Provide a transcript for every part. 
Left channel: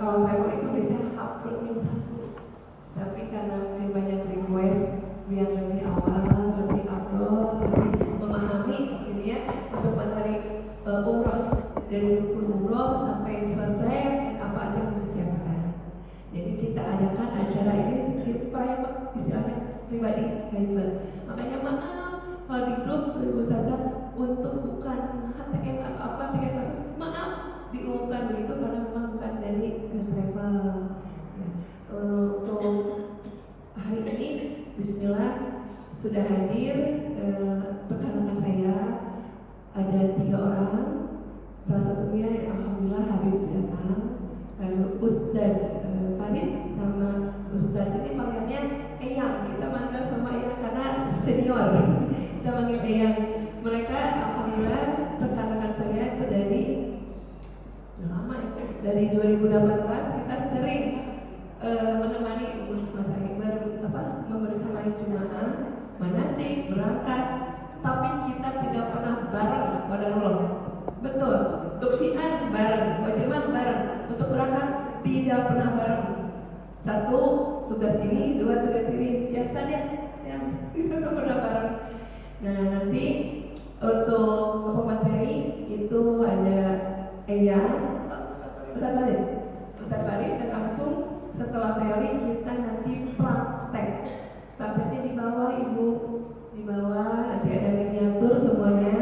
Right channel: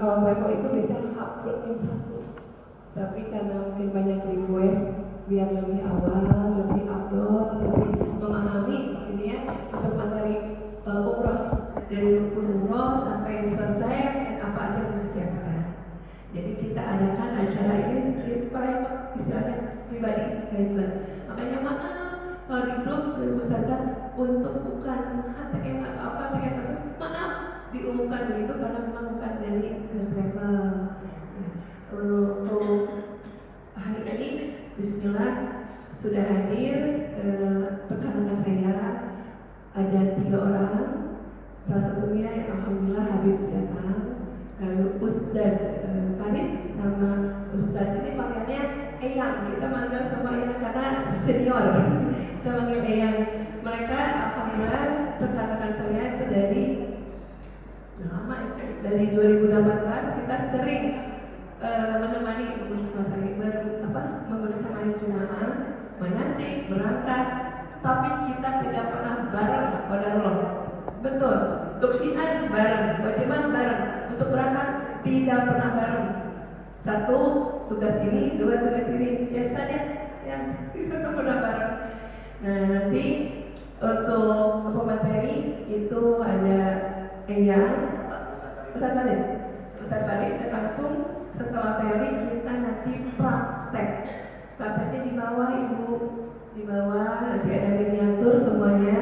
Kalau travel itu biasanya H+1, tapi karena mungkin banyak request biar lebih awal, lebih outdoor, lebih memahami ini ya untuk materi umroh dari rukun umroh sampai selesai dan apa aja yang harus disiapkan. Jadi kita adakan acara ini sedikit private, istilahnya pribadi, private. Makanya maaf kalau di grup sebagai ustazah untuk bukan HTM atau apa tiket masuk, maaf diumumkan begitu karena memang bukan dari travel. Untuk hari ini, Bismillah sudah hadir rekan-rekan saya ada 3 orang. Salah satunya yang alhamdulillah Habib datang, lalu Ustaz Farid sama Ustaz ini panggilnya Eyang. Kita manggil sama Eyang karena senior. Kita manggil Eyang. Mereka alhamdulillah rekan-rekan saya itu dari lama ya, dari 2018 kita sering menemani membersamai jemaah manasik berangkat, tapi kita tidak pernah bareng qadarullah. Betul, untuk syiar bareng, wajibah bareng, untuk berangkat tidak pernah bareng. Satu tugas ini, 2 tugas ini, ya saja yang kita tak pernah bareng. Nah nanti untuk materi itu ada Eyang, Ustaz Farid dan langsung setelah teori kita nanti praktek. Prakteknya di bawah Ibu, di bawah nanti ada miniatur semuanya,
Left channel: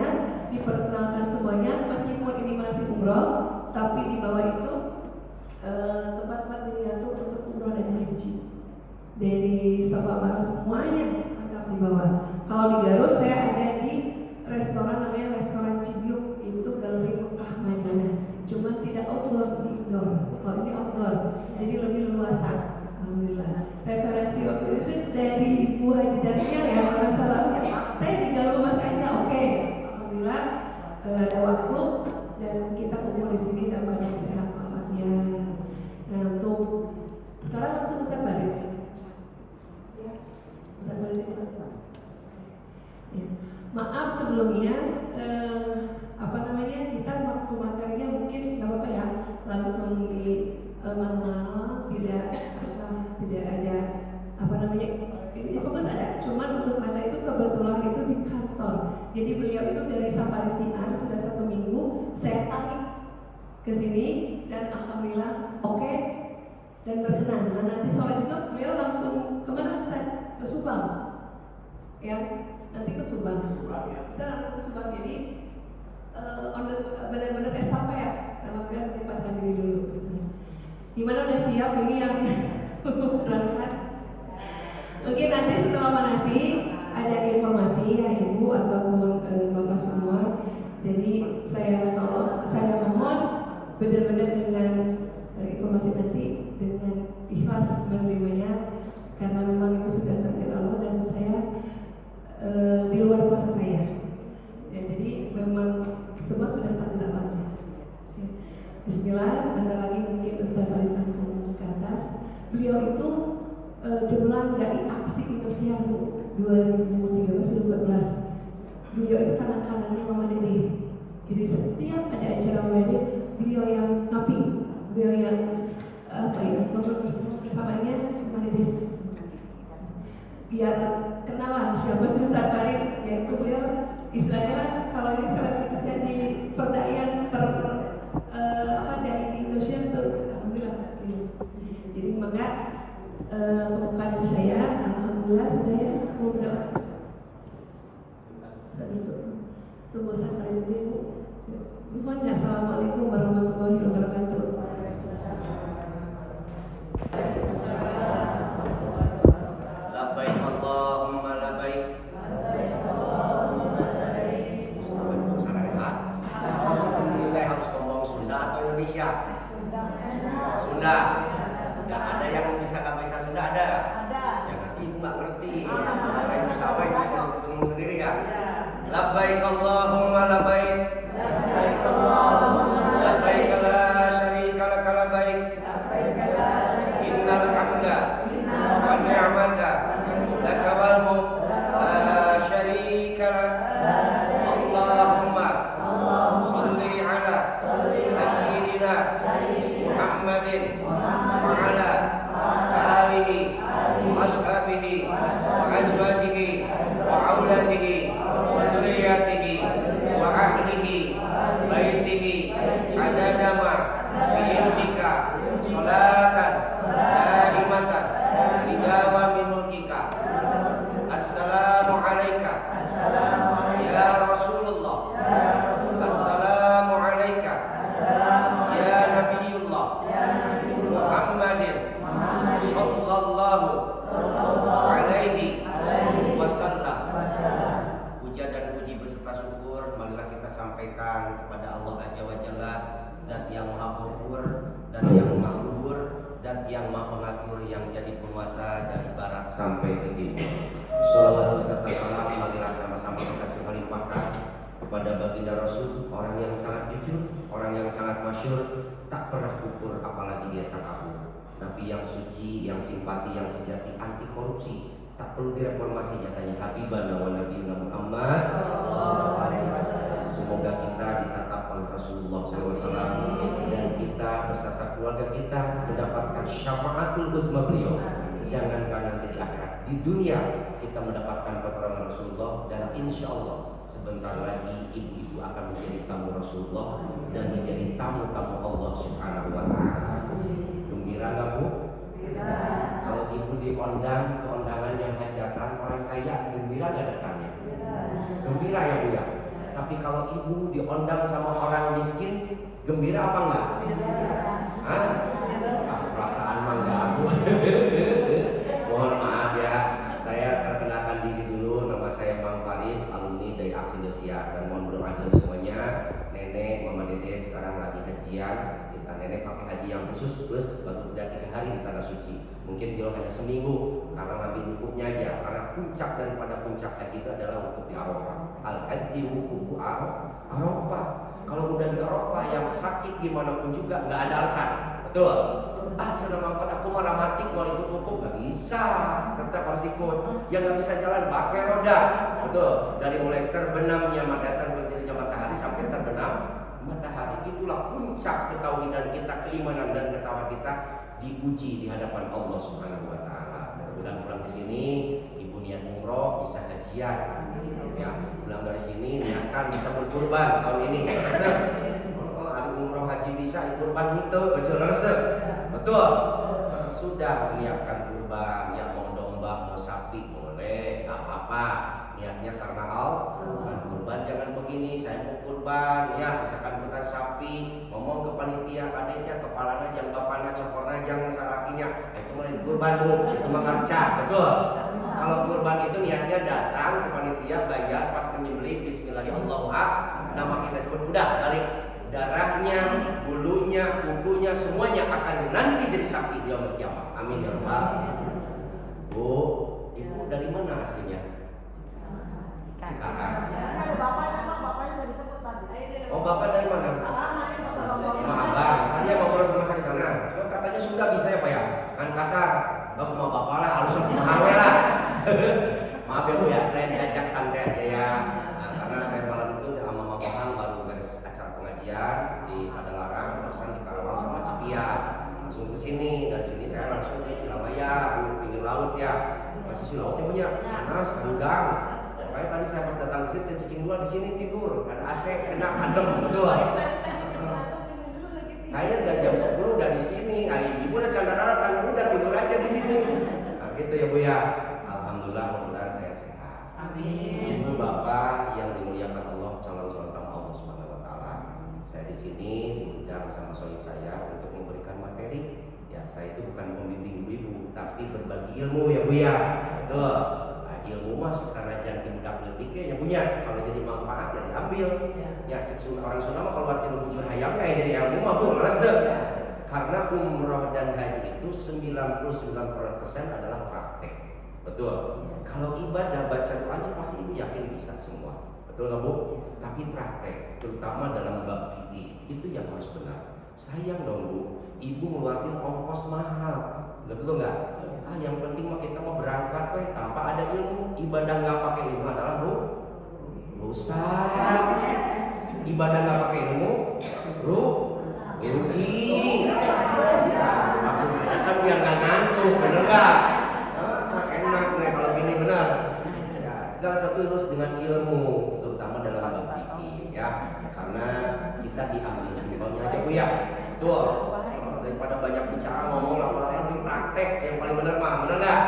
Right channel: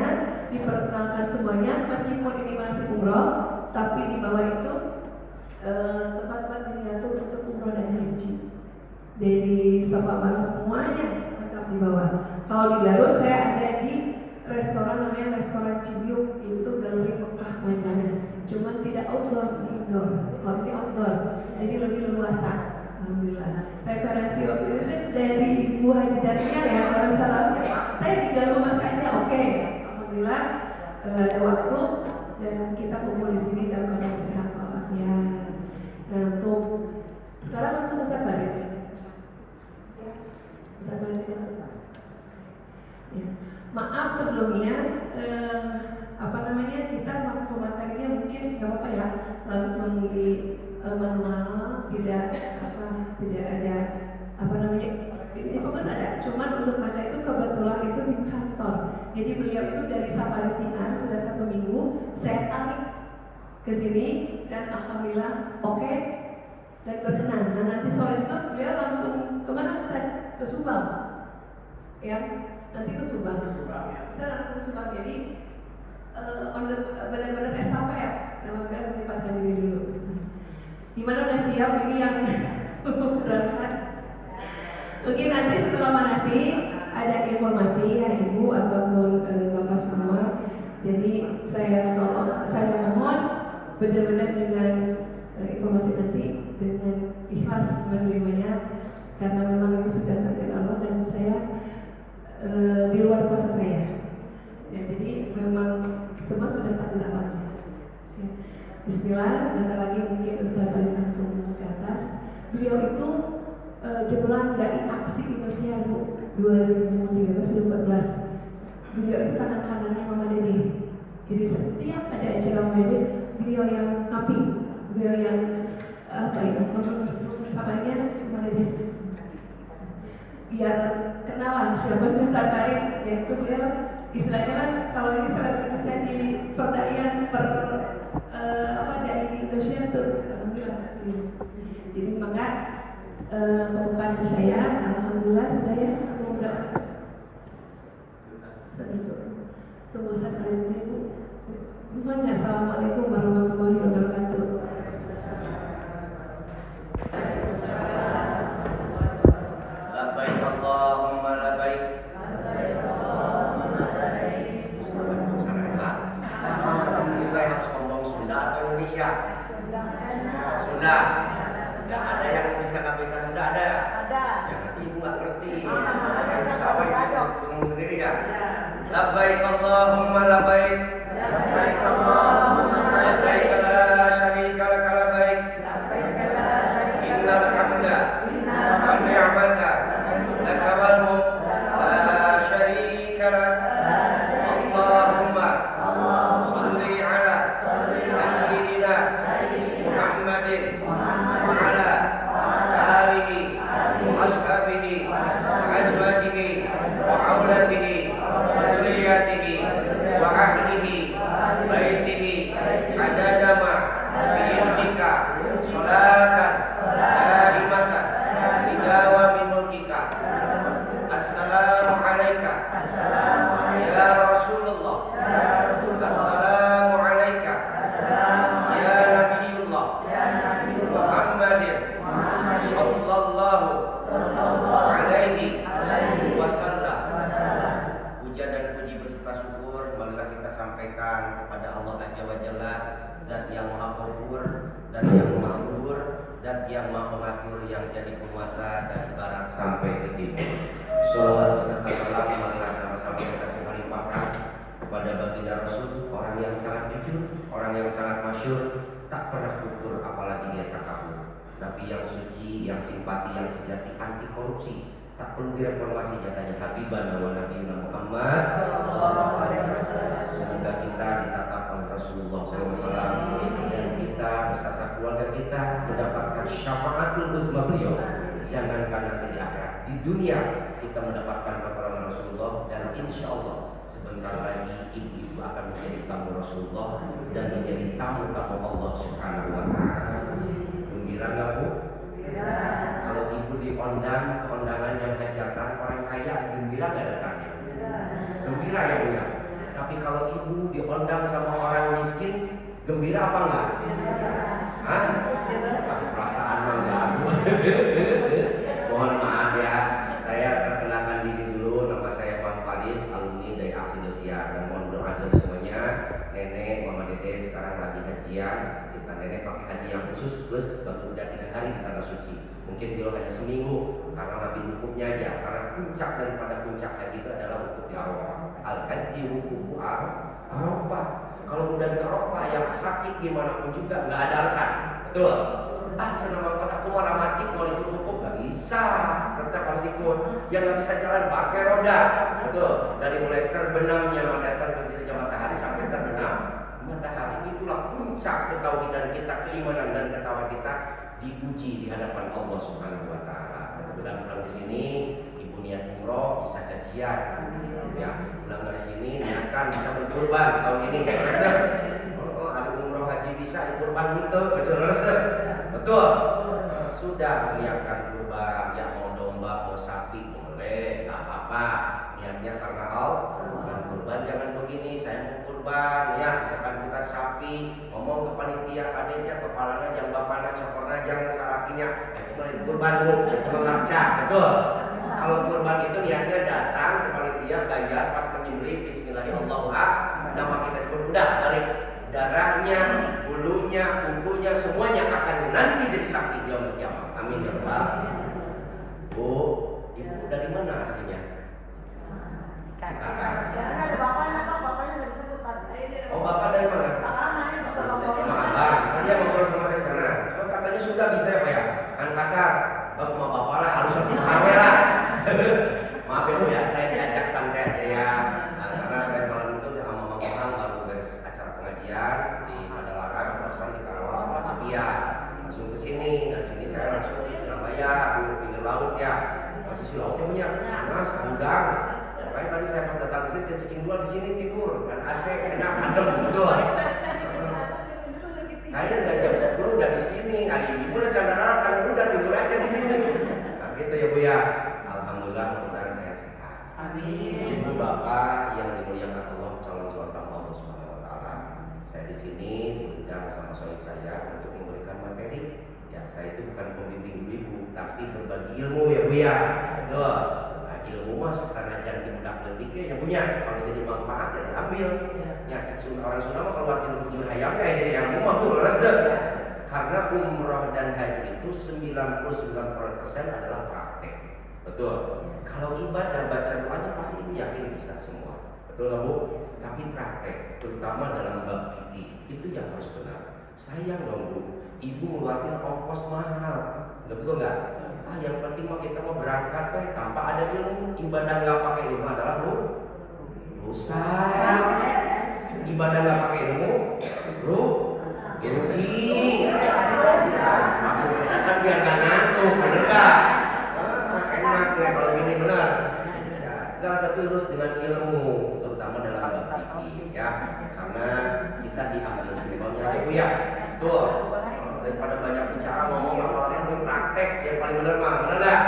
diperkenalkan semuanya. Meskipun ini masih umroh, tapi di bawah itu tempat-tempat miniatur untuk umroh dan haji. Dari Safa Marwa semuanya lengkap di bawah. Kalau di Garut saya ada di restoran namanya Restoran Cibiuk, itu Galeri Mekah Madinah. Cuman tidak outdoor, di indoor. Kalau ini outdoor, jadi lebih leluasa. Alhamdulillah. Referensi waktu itu dari Ibu Haji Daria ya, kalau salahnya. Saya tinggal rumah saja, oke. Alhamdulillah ada waktu dan kita kumpul di sini dan banyak sehat walafiat. Nah untuk sekarang langsung Ustaz Farid. Ustaz Farid ya. Maaf sebelumnya kita waktu materinya mungkin nggak apa-apa ya, langsung di manual, tidak ada ini fokus ada, cuman untuk materi itu kebetulan itu di kantor. Jadi beliau itu dari Safari Sinar sudah 1 minggu, saya tarik ke sini dan alhamdulillah oke dan berkenan. Nah nanti sore itu beliau langsung kemana Ustaz? Ke Subang ya, nanti ke Subang. Kita langsung ke Subang, jadi benar-benar estafet ya, dalam kan menempatkan diri dulu. Gimana udah siap ini yang berangkat? Mungkin nanti setelah manasik ada informasi ya Ibu ataupun Bapak semua. Jadi saya mohon benar-benar dengan informasi nanti dengan ikhlas menerimanya, karena memang ini sudah takdir Allah dan saya di luar kuasa saya. Ya, jadi memang semua sudah takdir Allah aja. Ya. Bismillah, sebentar lagi mungkin Ustaz Farid langsung ke atas. Beliau itu jembelang dari aksi Indonesia 2013-2014. Beliau itu tangan kanannya Mama Dede. Jadi setiap ada acara Mama beliau yang ngaping, beliau yang bersamanya Mama Dede. Biar kenalan siapa sih Ustaz Farid, yaitu beliau istilahnya kalau ini selebritasnya di perdayaan dari Indonesia itu alhamdulillah. Jadi maka pembukaan saya alhamdulillah saya mudah. Tunggu Ustaz Farid dulu. Mohon assalamualaikum warahmatullahi wabarakatuh. Labbaik Allahumma labbaik. Ini saya harus ngomong Sunda atau Indonesia? Sunda. Ya ada yang nggak bisa Sunda ada? Ada. Ya nanti ibu nggak ngerti. Yang ketawa ibu bingung sendiri ya. Labbaik Allahumma labbaik. Labbaik Allahumma labbaik. La syarika lak labbaik. Innal hamda wan ni'mata lak wal mulk la syarika lak. Allahumma shalli ala sayyidina Muhammadin wa ala alihi wa ashabihi wa azwajihi wa auladihi wa dzurriyyatihi wa ahlihi baitihi adadama fi ilmika salatan daimatan bidawami mulkika. Assalamu alaika ya Rasulullah, assalamu alaika ya Nabiullah Muhammadin sallallahu alaihi wasallam. Puja dan puji beserta syukur marilah kita sampaikan kepada Allah Azza wa Jalla, Zat yang Maha Ghafur, Zat yang Mahmur, Zat yang Maha Pengatur, yang jadi penguasa dari barat sampai ke timur. Shalawat beserta salam marilah sama-sama kita limpahkan kepada baginda Rasul, orang yang sangat jujur, orang yang sangat masyhur, tak pernah kufur apalagi dia takabur. Nabi yang suci, yang simpati, yang sejati, anti korupsi, tak perlu direformasi jatanya Habibana wa Nabiyuna Muhammad. Semoga kita ditatap oleh Rasulullah SAW dan kita beserta keluarga kita mendapatkan syafaatul uzma beliau. Jangankan nanti di akhirat, di dunia kita mendapatkan pertolongan Rasulullah, dan insya Allah sebentar lagi ibu-ibu akan menjadi tamu Rasulullah dan menjadi tamu-tamu Allah Subhanahu wa Ta'ala. Gembira nggak Bu? Kalau ibu diundang ke undangan yang hajatan orang kaya, gembira nggak datangnya? Gembira ya Bu ya. Tapi kalau ibu diundang sama orang miskin, gembira apa enggak? Hah? Perasaan mah enggak Bu. Mohon maaf ya, saya perkenalkan diri dulu. Nama saya Bang Farid, alumni dari Aksi Indosiar, dan mohon doa dari semuanya. Nenek, Mama Dede sekarang lagi hajian. Kita nenek pakai haji yang khusus plus baru udah 3 hari di tanah suci. Mungkin dia hanya seminggu karena Nabi wukufnya aja. Karena puncak daripada puncak haji itu adalah wukuf di Arafah. Al haji wukufu Arafah. Kalau udah di Arafah yang sakit gimana pun juga nggak ada alasan. Betul. Senang banget aku marah mati kalau ikut wukuf, nggak bisa, tetap harus ikut. Yang nggak bisa jalan pakai roda, betul. Dari mulai terbenamnya matahari sampai terbenam matahari, itulah puncak ketauhidan kita, keimanan dan ketakwaan kita diuji di hadapan Allah Subhanahu wa Ta'ala. Mudah-mudahan pulang di sini ibu niat umroh bisa hajian, ya. Pulang dari sini niatkan bisa berkurban tahun ini. Ada umroh haji bisa kurban itu resep. Betul. Sudah niatkan kurban, ya mau domba, mau sapi boleh, apa-apa. Niatnya karena Allah. Bukan kurban jangan begini, saya mau kurban, ya misalkan kita sapi, ngomong ke panitia, kadetnya, kepalanya, jangan bapaknya, cokornya, jangan salakinya. Itu mulai kurban Bu, itu mengerca, betul. Kalau kurban itu niatnya datang ke panitia, bayar, pas menyembelih, bismillahirrahmanirrahim, nama kita sebut, udah balik. Darahnya, bulunya, kukunya, semuanya akan nanti jadi saksi di yaumul kiamah. Amin ya rabbal. Bu, ibu dari mana aslinya? Cikarang. Oh, bapak dari mana? Sama abang. Tadi yang ngobrol sama saya di sana. Oh, katanya sudah bisa ya Pak ya? Kan kasar. Bapak mau bapak lah, harus mahawe lah. Maaf ya Bu ya, saya diajak santai aja ya. Karena saya malam itu sama Mama Kohan baru beres acara pengajian di Padalarang, barusan di Karawang sama Cipiat. Langsung ke sini, dari sini saya langsung di Surabaya, di pinggir laut ya. Sisi lautnya banyak, panas, udang. Makanya tadi saya pas datang ke sini, cicing dua di sini tidur, ada AC, enak, adem, betul. Saya udah jam 10 udah di sini, ibu udah candara, tangan udah tidur aja di sini. Nah gitu ya Bu ya. Alhamdulillah, mudah-mudahan saya sehat. Amin. Ibu bapak yang dimuliakan Allah, calon-calon tamu Allah Subhanahu wa Ta'ala. Saya di sini diundang bersama suami saya untuk memberikan materi. Ya, saya itu bukan pembimbing ibu, tapi berbagi ilmu ya Bu ya. Betul. Nah, ilmu mah karena jangan dibudak letiknya ya punya. Kalau jadi manfaat ya diambil. Ya, orang Sunda mah kalau arti bujur hayamnya ya jadi ilmu mah Bu resep. Karena umroh dan haji itu 99% adalah praktek. Betul. Kalau ibadah baca doanya pasti ibu yakin bisa semua. Betul nggak Bu? Tapi praktek, terutama dalam bab fikih itu yang harus benar. Sayang dong Bu, ibu ngeluarin ongkos mahal. Betul nggak? Yang penting mah kita mau berangkat tanpa ada ilmu. Ibadah nggak pakai ilmu adalah rusak. Ibadah nggak pakai ilmu rugi. biar gak ngantuk, bener gak? Enak nih kalau gini bener. Ya, segala satu harus dengan ilmu, terutama dalam bab fikih ya. Karena kita diambil simpelnya aja Bu ya. Tuh, daripada banyak bicara ngomong lama-lama ini praktek yang paling bener mah, bener gak?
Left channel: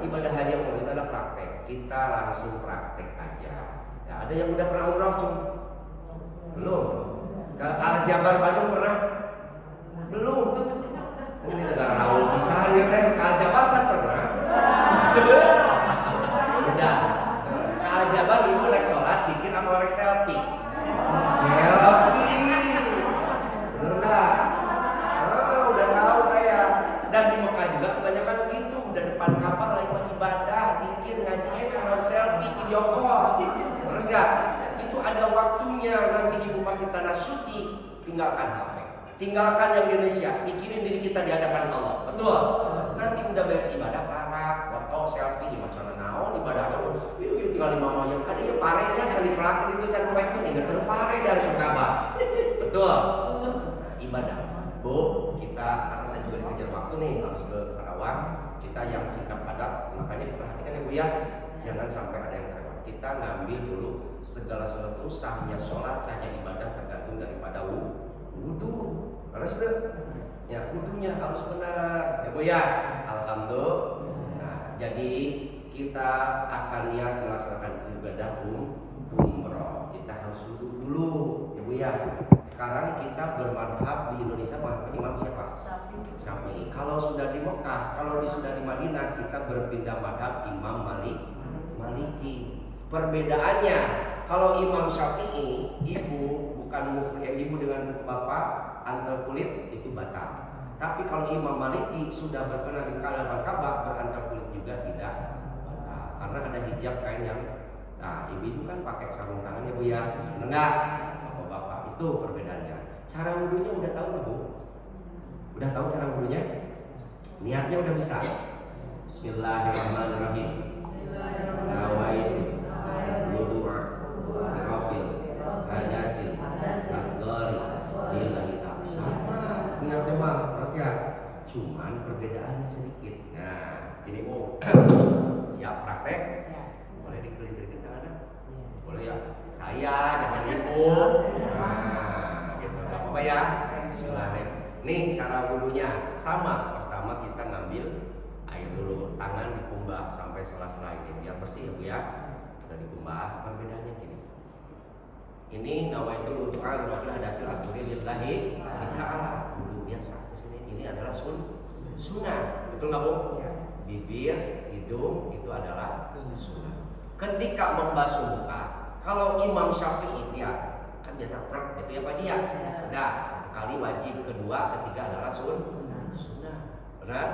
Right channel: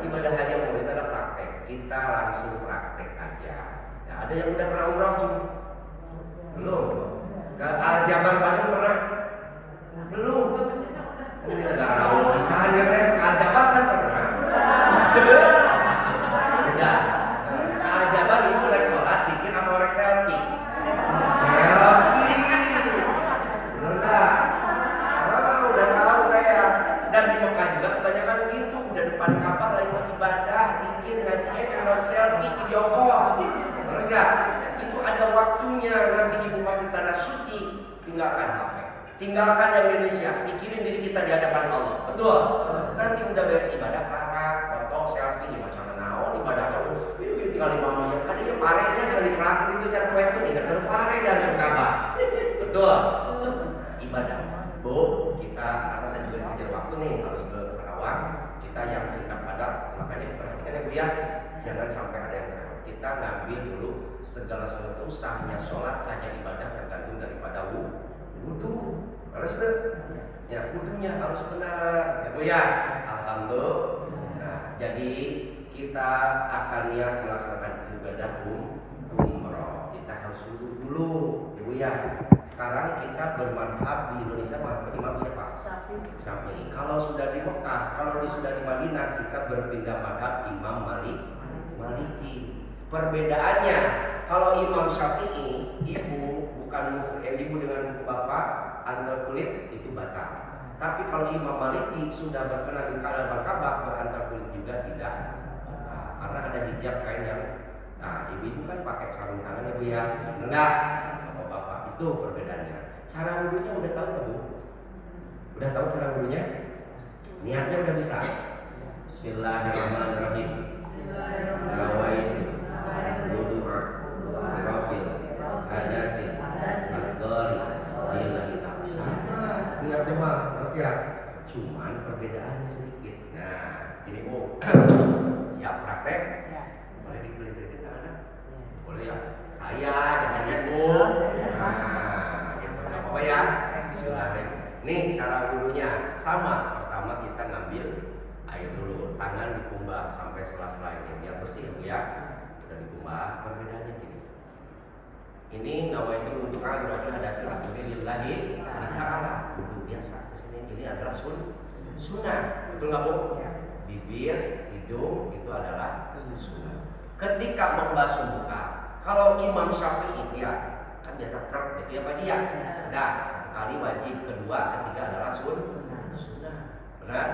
Ibadah haji yang mulia itu adalah praktek. Kita langsung praktek aja. Ya, ada yang udah pernah umroh cuma belum? Ke Al-Jabar Bandung pernah? Belum. Ini negara Raul pisan ya teh. Ke Al-Jabar kan pernah? Udah. Ke Al-Jabar ibu rek sholat bikin sama rek selfie. Selfie. Bener enggak? Udah tahu saya. Dan di Mekah juga kebanyakan gitu. Udah depan Ka'bah lagi ibadah, bikin ngaji kalau selfie video call. Terus enggak? Itu ada waktunya. Nanti ibu pas di tanah suci tinggalkan HP. Tinggalkan yang di Indonesia, pikirin diri kita di hadapan Allah. Betul? Nanti udah beres ibadah, karak, foto, selfie, di macam naon, ibadah aja. Tinggal di mama yang kan iya parenya cari pelakon itu cari web ini nggak pare dari Ka'bah. Betul? Ibadah. Bu, kita karena saya juga dikejar waktu nih harus ke Karawang. Kita yang singkat padat, makanya diperhatikan ya Bu ya. Jangan sampai ada yang terlewat. Kita ngambil dulu segala sesuatu sahnya sholat, sahnya ibadah tergantung daripada wudu. Harus tuh. Ya, wudunya harus benar. Ya Bu ya. Alhamdulillah. Nah, jadi kita akan niat melaksanakan ibadah umroh. Kita harus wudu dulu. Ya Bu ya. Sekarang kita bermadhab di Indonesia madhab imam siapa? Syafi'i. Kalau sudah di Mekah, kalau sudah di Madinah, kita berpindah madhab Imam Maliki. Perbedaannya, kalau Imam Syafi'i, ibu dengan bapak antar kulit itu batal. Tapi kalau Imam Maliki sudah berkenan di hadapan Ka'bah berantar kulit juga tidak batal. Karena ada hijab kain yang, nah ibu kan pakai sarung tangan ya Bu ya, enggak? Bapak itu perbedaannya. Cara wudunya udah tahu nggak Bu? Udah tahu cara wudunya? Niatnya udah bisa. Bismillahirrahmanirrahim. Nawaitu wudu'a rafil hadasin asgari lillahi ta'ala. Sama niatnya mah harus ya. Cuman perbedaannya sedikit. Nah, ini Bu. Siap praktek? Boleh dikelintir tangan? Boleh ya. Saya jangan ibu. Nah, gitu nggak apa-apa ya. Bismillahirrahmanirrahim. Nih cara wudunya sama. Pertama kita ngambil air dulu, tangan dikumbah sampai sela-sela ini biar bersih ya Bu ya. Udah dikumbah, perbedaannya gini. Ini nawaitu wudu'a lirafil hadasil asghari lillahi ta'ala. Wudu biasa. Ini adalah sunnah. Betul nggak Bu? Bibir, hidung itu adalah sunnah. Ketika membasuh muka, kalau Imam Syafi'i dia kan biasa truk jadi apa dia? Nah, satu kali wajib, kedua, ketiga adalah sunnah. Benar?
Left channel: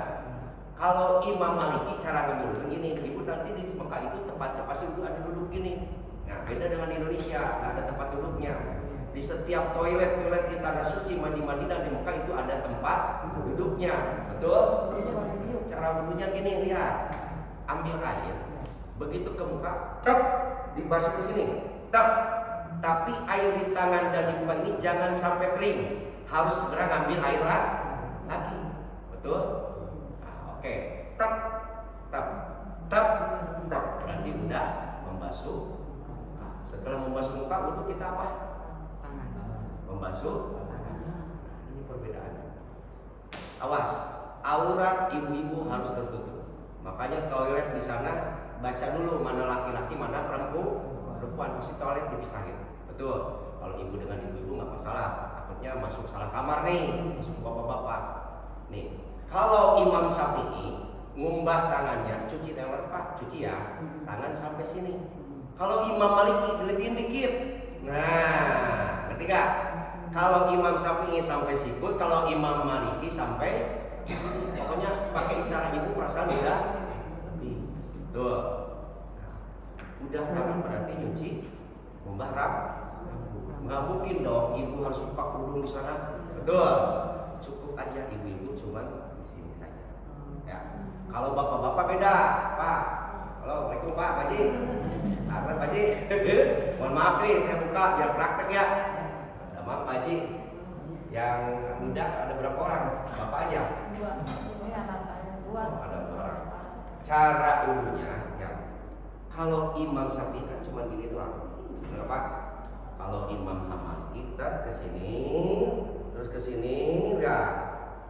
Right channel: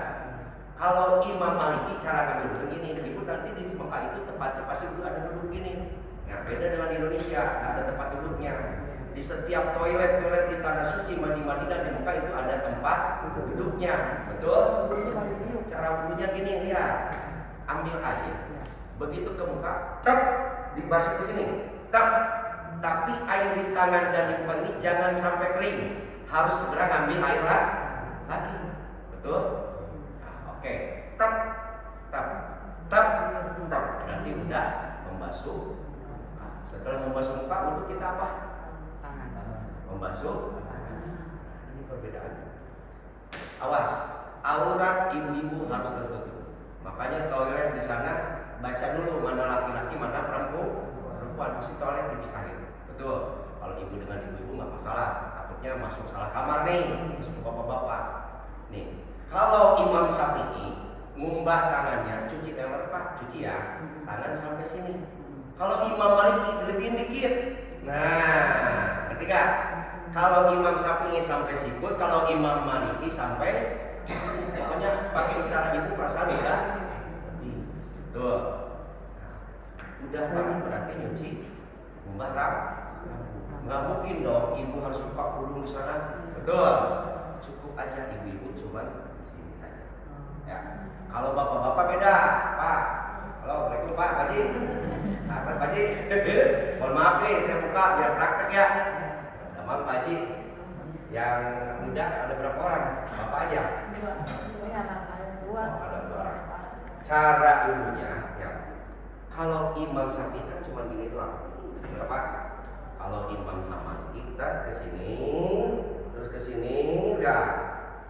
Kalau Imam Maliki cara ngambil duduk gini, ibu nanti di Mekah itu tempatnya pasti ada duduk gini. Nah, beda dengan Indonesia, nggak ada tempat duduknya. Di setiap toilet di tanah suci di Madinah di Mekah itu ada tempat duduknya. Betul? Cara wudunya gini lihat. Ambil air, begitu ke muka, tep, dibasuh ke sini, tep. Tapi air di tangan dan di muka ini jangan sampai kering. Harus segera ngambil air lagi. Betul? Nah, oke. Tep, tep, tep, tep. Berarti udah membasuh. Nah, setelah membasuh muka, wudu kita apa? Membasuh. Ini perbedaannya. Awas, aurat ibu-ibu harus tertutup. Makanya toilet di sana baca dulu mana laki-laki, mana perempuan. Mesti toilet dipisahin. Betul. Kalau ibu dengan ibu-ibu nggak masalah. Takutnya masuk salah kamar nih, masuk ke bapak-bapak. Nih, kalau Imam Syafi'i ngumbah tangannya, cuci tangan Pak, cuci ya, tangan sampai sini. Kalau Imam Maliki dilebihin dikit. Nah, ngerti gak? Kalau Imam Syafi'i sampai sikut, kalau Imam Maliki sampai, pokoknya pakai isyarat ibu perasaan udah lebih. Tuh. Nah, udah tangan berarti nyuci, ngumbah rambut. Nggak mungkin dong ibu harus buka kerudung di sana. Betul. Cukup aja ibu-ibu cuman di sini saja. Ya. Kalau bapak-bapak beda, Pak. Halo, Assalamualaikum Pak Haji. Pak Haji. Mohon maaf nih, saya buka biar praktek ya. Maaf Pak Haji. Yang muda ada berapa orang? Bapak aja. 2. Ada 2 orang. Cara wudunya ya. Kalau Imam Syafi'i kan cuma gini doang. Kenapa? Kalau Imam Hamad kita ke sini, terus ke sini, ya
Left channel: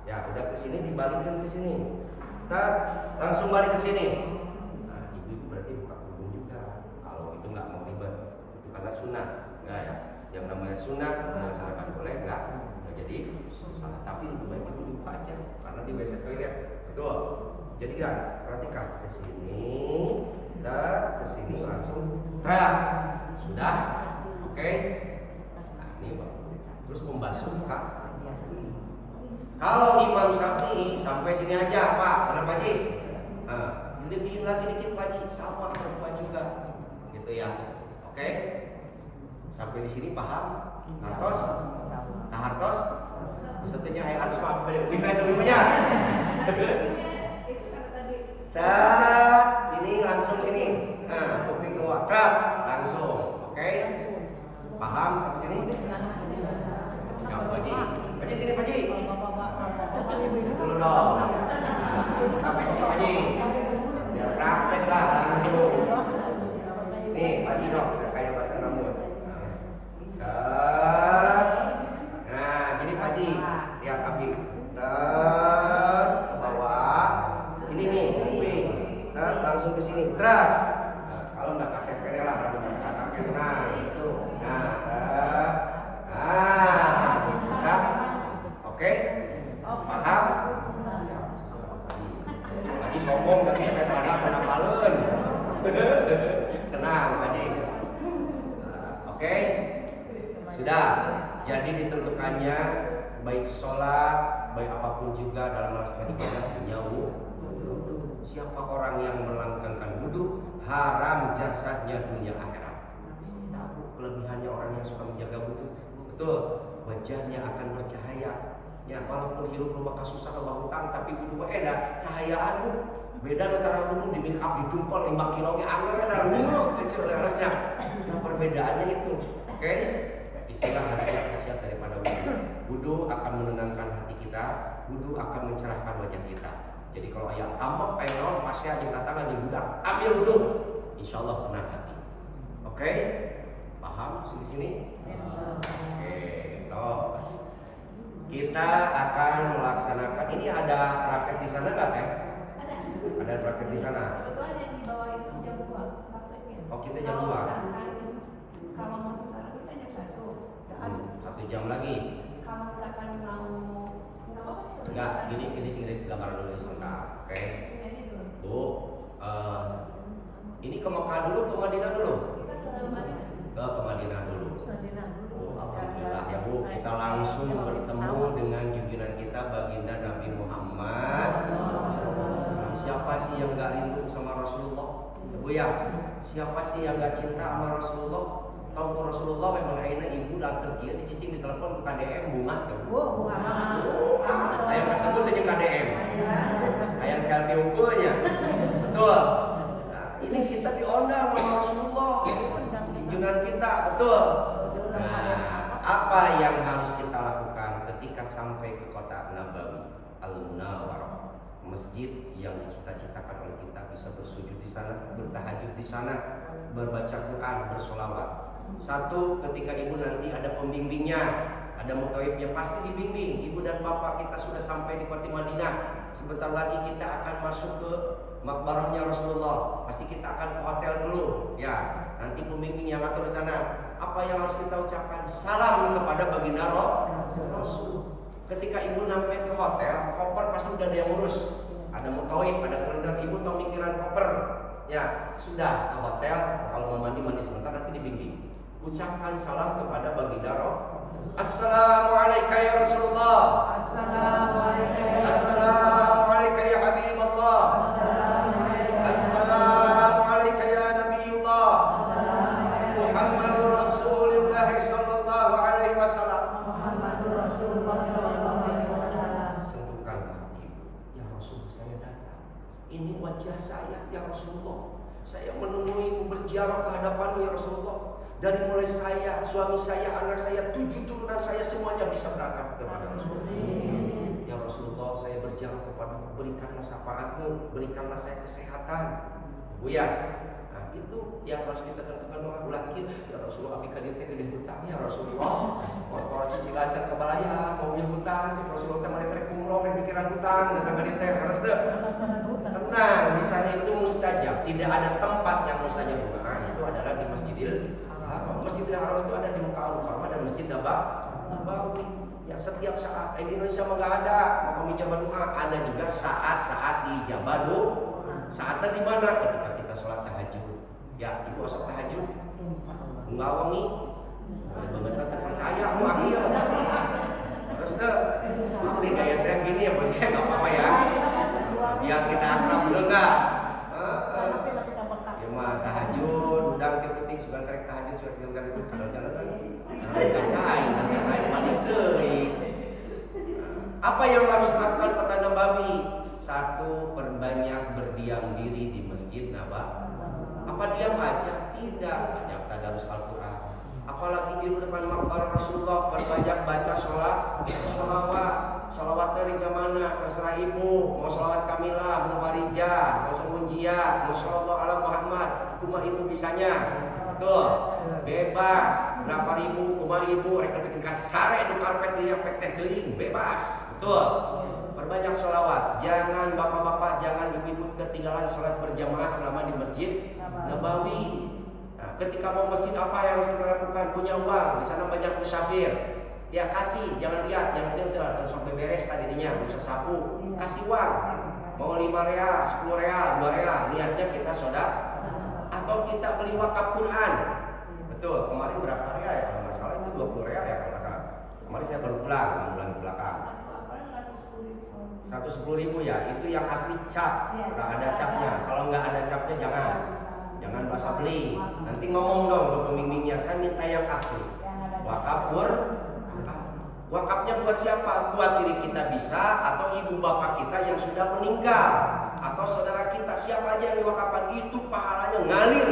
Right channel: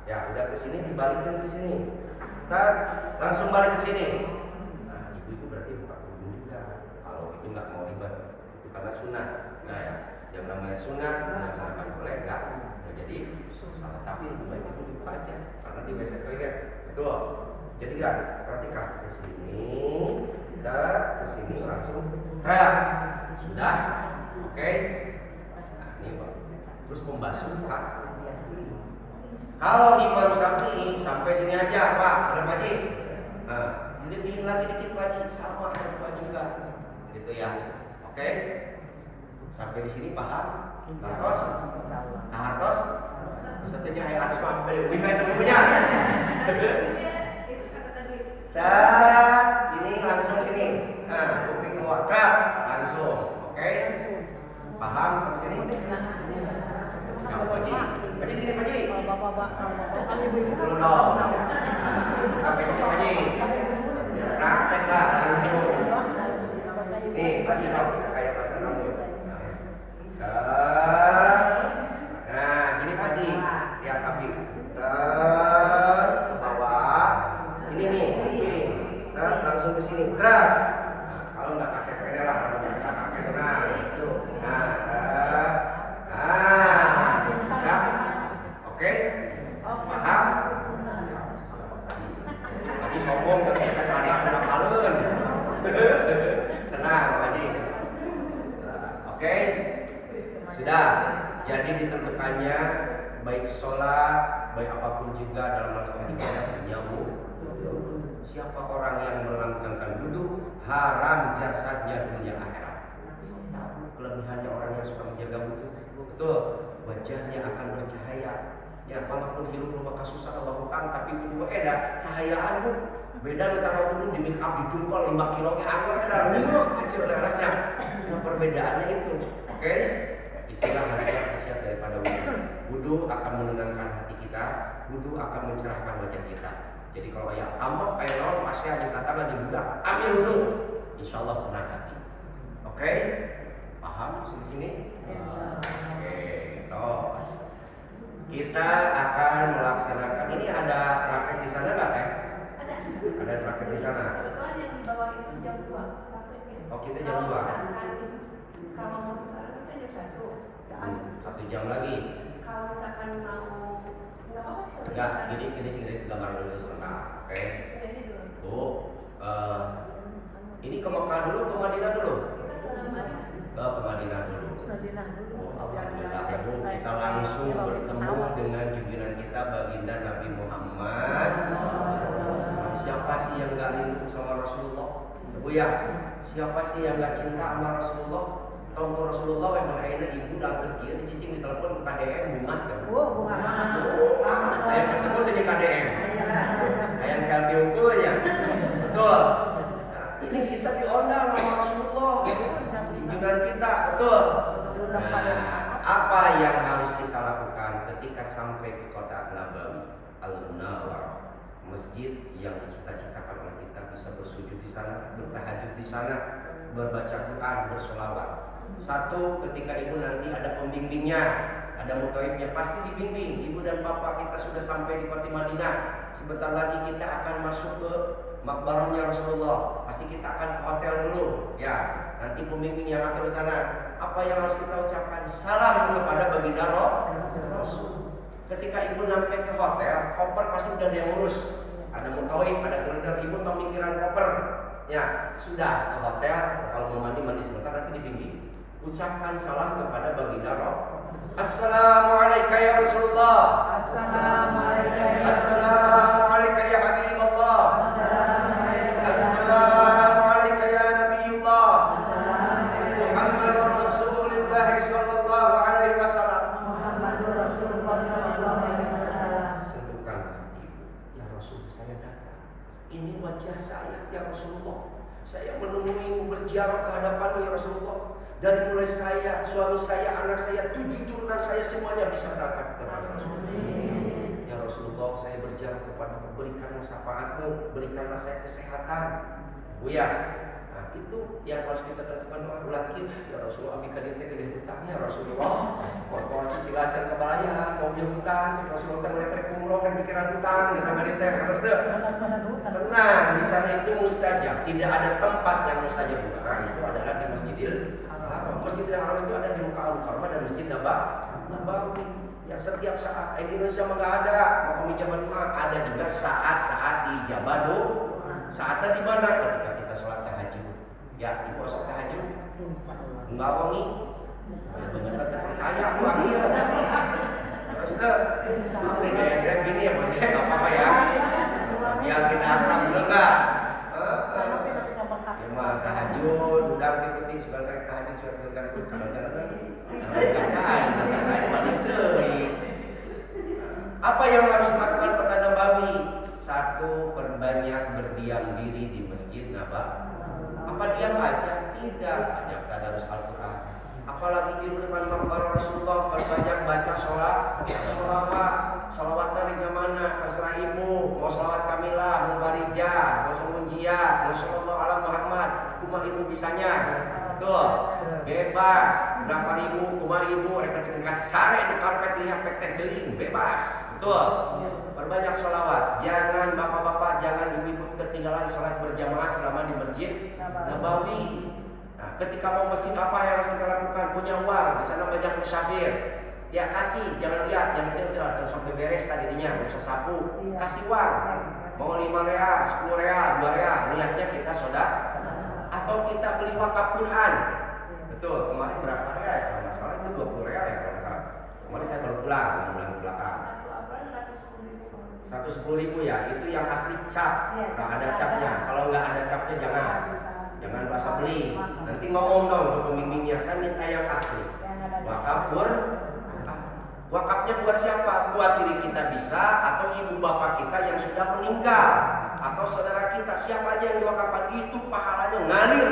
udah ke sini dibalikin ke sini. Ntar langsung balik ke sini. Nah, ibu berarti buka kerudung juga. Kalau itu nggak mau ribet, itu karena sunat. Nah ya, yang namanya sunat dilaksanakan boleh nggak? Ya, jadi salah, tapi lebih baik itu dibuka aja karena di WC toilet, betul. Jadi kan, perhatikan ke sini, dan ke sini langsung teriak. Sudah, oke. Nah, ini bang. Terus membasuh kaki. Kalau Imam Syafi'i sampai sini aja, Pak, benar Pak Ji? Nah, dilebihin lagi dikit Pak Ji, sama Pak juga, gitu ya. Oke? Sampai di sini paham? Hartos? Hartos? Terus satunya atas Pak, wifi itu ibunya. Saat ini langsung sini. Nah, kuping keluar, langsung. Oke? Paham sampai sini? Ya, Pak Ji. Pak Ji sini Pak Ji. Dulu dong. Sampai sini Pak Ji. Ya, praktek lah langsung. Nih, Pak Ji dong, saya kayak bahasa rambut. Nah, gini Pak Ji. Lihat kaki. Ke bawah. Ini nih, kuping. Langsung ke sini. Nah, kalau nggak kasih kene lah, rambutnya sampai itu. Nah, itu. Bisa? Oke? Paham? Tadi sombong, tapi saya ada penapalun. Tenang, Pak Haji. Oke? Sudah. Jadi ditentukannya baik sholat, baik apapun juga dalam melaksanakan ibadah punya wudu. Siapa orang yang melangkangkan wudu, haram jasadnya dunia akhirat. Tahu kelebihannya orang yang suka menjaga wudu. Betul, wajahnya akan bercahaya. Ya, walaupun hirup lo bakal susah lo hutang, tapi wudu edah cahayaan lu. Beda antara wudu di make up di tumpel 5 kilo nya anggur ada kecil resnya. Nah, perbedaannya itu. Oke? Itulah khasiat daripada wudu. Wudu akan menenangkan hati kita, wudu akan mencerahkan wajah kita. Jadi kalau ayah ambak ayah naon pasnya aja tantangan di budak, ambil wudu. Insyaallah tenang hati. Oke? Paham sini-sini? Oke, tos. Kita akan melaksanakan ini ada praktek di sana nggak Teh? Ada praktek di sana. Kebetulan yang di bawah itu jam 2 prakteknya. Oh, kita jam 2. Kalau mau sekarang kita jam 1. 1 jam lagi. Kalau misalkan mau nggak apa-apa sih. Enggak, gini gambar dulu sebentar. Oke. Bu, ini ke Mekah dulu, ke Madinah dulu? Kita ke Madinah. Ke Madinah dulu. Alhamdulillah ya Bu, kita langsung bertemu dengan junjungan kita baginda Nabi Muhammad. Siapa sih yang gak rindu sama Rasulullah? Bu ya, siapa sih yang gak cinta sama Rasulullah? Tahu Rasulullah memang akhirnya ibu dan kerja dicicing di telepon ke KDM bunga ya Bu. Ayo ketemu dengan KDM. Ayang selfie ukulnya. Betul. Nah, ini kita diundang sama Rasulullah. Junjungan kita, betul. Nah, apa yang harus kita lakukan ketika sampai ke kota Nabawi Al-Munawwarah, masjid yang dicita-citakan oleh kita bisa bersujud di sana, bertahajud di sana, membaca Quran, bersolawat. Satu, ketika ibu nanti ada pembimbingnya, ada muthaifnya, pasti dibimbing. Ibu dan bapak kita sudah sampai di kota Madinah. Sebentar lagi kita akan masuk ke makbarahnya Rasulullah. Pasti kita akan ke hotel dulu, ya. Nanti pembimbing yang akan di sana. Apa yang harus kita ucapkan? Salam kepada baginda Rasul. Ketika ibu sampai ke hotel, koper pasti udah ada yang urus. Ada muthaif, ada kalender, ibu tahu mikiran koper. Ya, sudah ke hotel. Kalau mau mandi sebentar, nanti dibimbing. Ucapkan salam kepada baginda Rasul. Assalamualaikum ya Rasulullah. Assalamualaikum ya Habibullah. Assalamualaikum ya Nabiullah. Muhammadur Rasulullah sallallahu alaihi wasallam. Sentuhkan hati. Ya Rasul, saya datang. Ini wajah saya ya Rasulullah. Saya menemuimu berziarah ke hadapanmu ya Rasulullah. Dari mulai saya, suami saya, anak saya, 7 turunan saya semuanya bisa berangkat kepada Rasulullah. Ya Rasulullah, saya berziarah berkata kepada berikanlah syafaatmu, berikanlah saya kesehatan. Bu ya, nah itu yang harus kita tentukan doa. Laki, ya Rasulullah, abdi kadieu teh gede hutang ya Rasulullah. Kalau cicilan can kabalaya, mobil hutang, cik Rasulullah teh meuli trek umroh rek mikiran hutang, datang kadieu teh harus teu. Tenang, di sana itu mustajab. Tidak ada tempat yang mustajab doa itu adalah di Masjidil Haram. Masjidil Haram itu ada di Mekah Al-Mukarramah dan Masjid Nabawi. Ya setiap saat di Indonesia mah enggak ada makam ijabah doa. Ada juga saat-saat ijabah doa. Saatnya di mana? Ketika kita sholat tahajud. Ya, ibu sholat tahajud. Enggak wangi. Bener-bener percaya aku lagi ya. Terus tuh, ini kayak saya gini ya, bos. Enggak apa-apa ya. Biar kita akrab dulu enggak? Ya mah tahajud, udah penting sudah tarik tahajud, sudah tarik itu kalau jalan lagi. Kacai balik deui. Apa yang harus dilakukan Kota Nabawi? Satu, perbanyak berdiam diri di Masjid Nabawi. Apa diam aja? Tidak, banyak tadarus Al-Quran. Apalagi di depan makbar Rasulullah, perbanyak baca sholawat dari mana? Terserah ibu, mau sholawat Kamilah, mau Parija, mau Munjia, mau sholawat ala Muhammad, kumah ibu bisanya. Betul, bebas. Berapa ribu, kumah ribu, rek bikin kasare di karpet dia pek deling, bebas. Betul. Perbanyak sholawat. Jangan bapak-bapak, jangan ibu-ibu ketinggalan sholat berjamaah selama di Masjid Nabawi. Nah, ketika mau masjid apa yang harus kita lakukan? Punya uang, di sana banyak musafir. Ya kasih, jangan lihat, yang penting dan sampai beres tadinya, usah sapu, kasih uang. Mau 5 real, 10 real, 2 real, niatnya kita soda. Atau kita beli wakaf Quran. Betul, kemarin berapa real ya? Kalau nggak salah itu 20 real ya kalau nggak salah. Kemarin saya baru pulang, 6 bulan ke belakang. 110.000 ya, itu yang asli cap, udah ada capnya. Kalau nggak ada capnya jangan bahasa beli. Nanti ngomong dong ke pembimbingnya, saya minta yang asli. Wakaf wakafnya buat siapa? Buat diri kita bisa, atau ibu bapak kita yang sudah meninggal, atau saudara kita, siapa aja yang diwakafkan itu pahalanya ngalir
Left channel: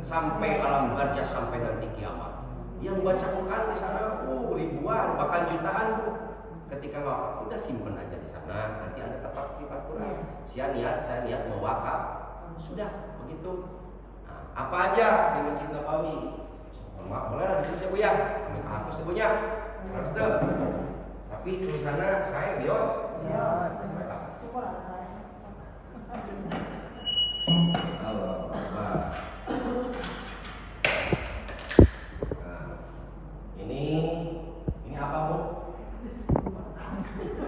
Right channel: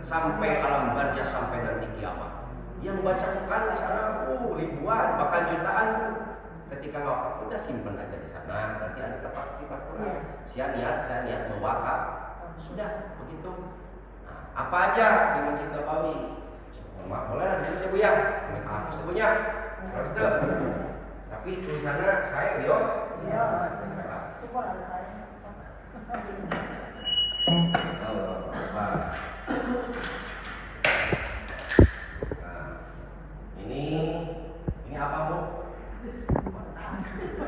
sampai alam barzah, sampai nanti kiamat. Yang baca Quran di sana ribuan, bahkan jutaan. Ketika ngawakaf udah simpen aja di sana, nanti ada tempat Quran. Saya niat mewakaf, sudah begitu. Nah, apa aja di Masjid Nabawi? Maaf, boleh lah di sini Bu ya. Amin hapus punya. Terus tuh. Tapi tulisannya saya Bios. Allah Akbar. Nah, ini apa Bu?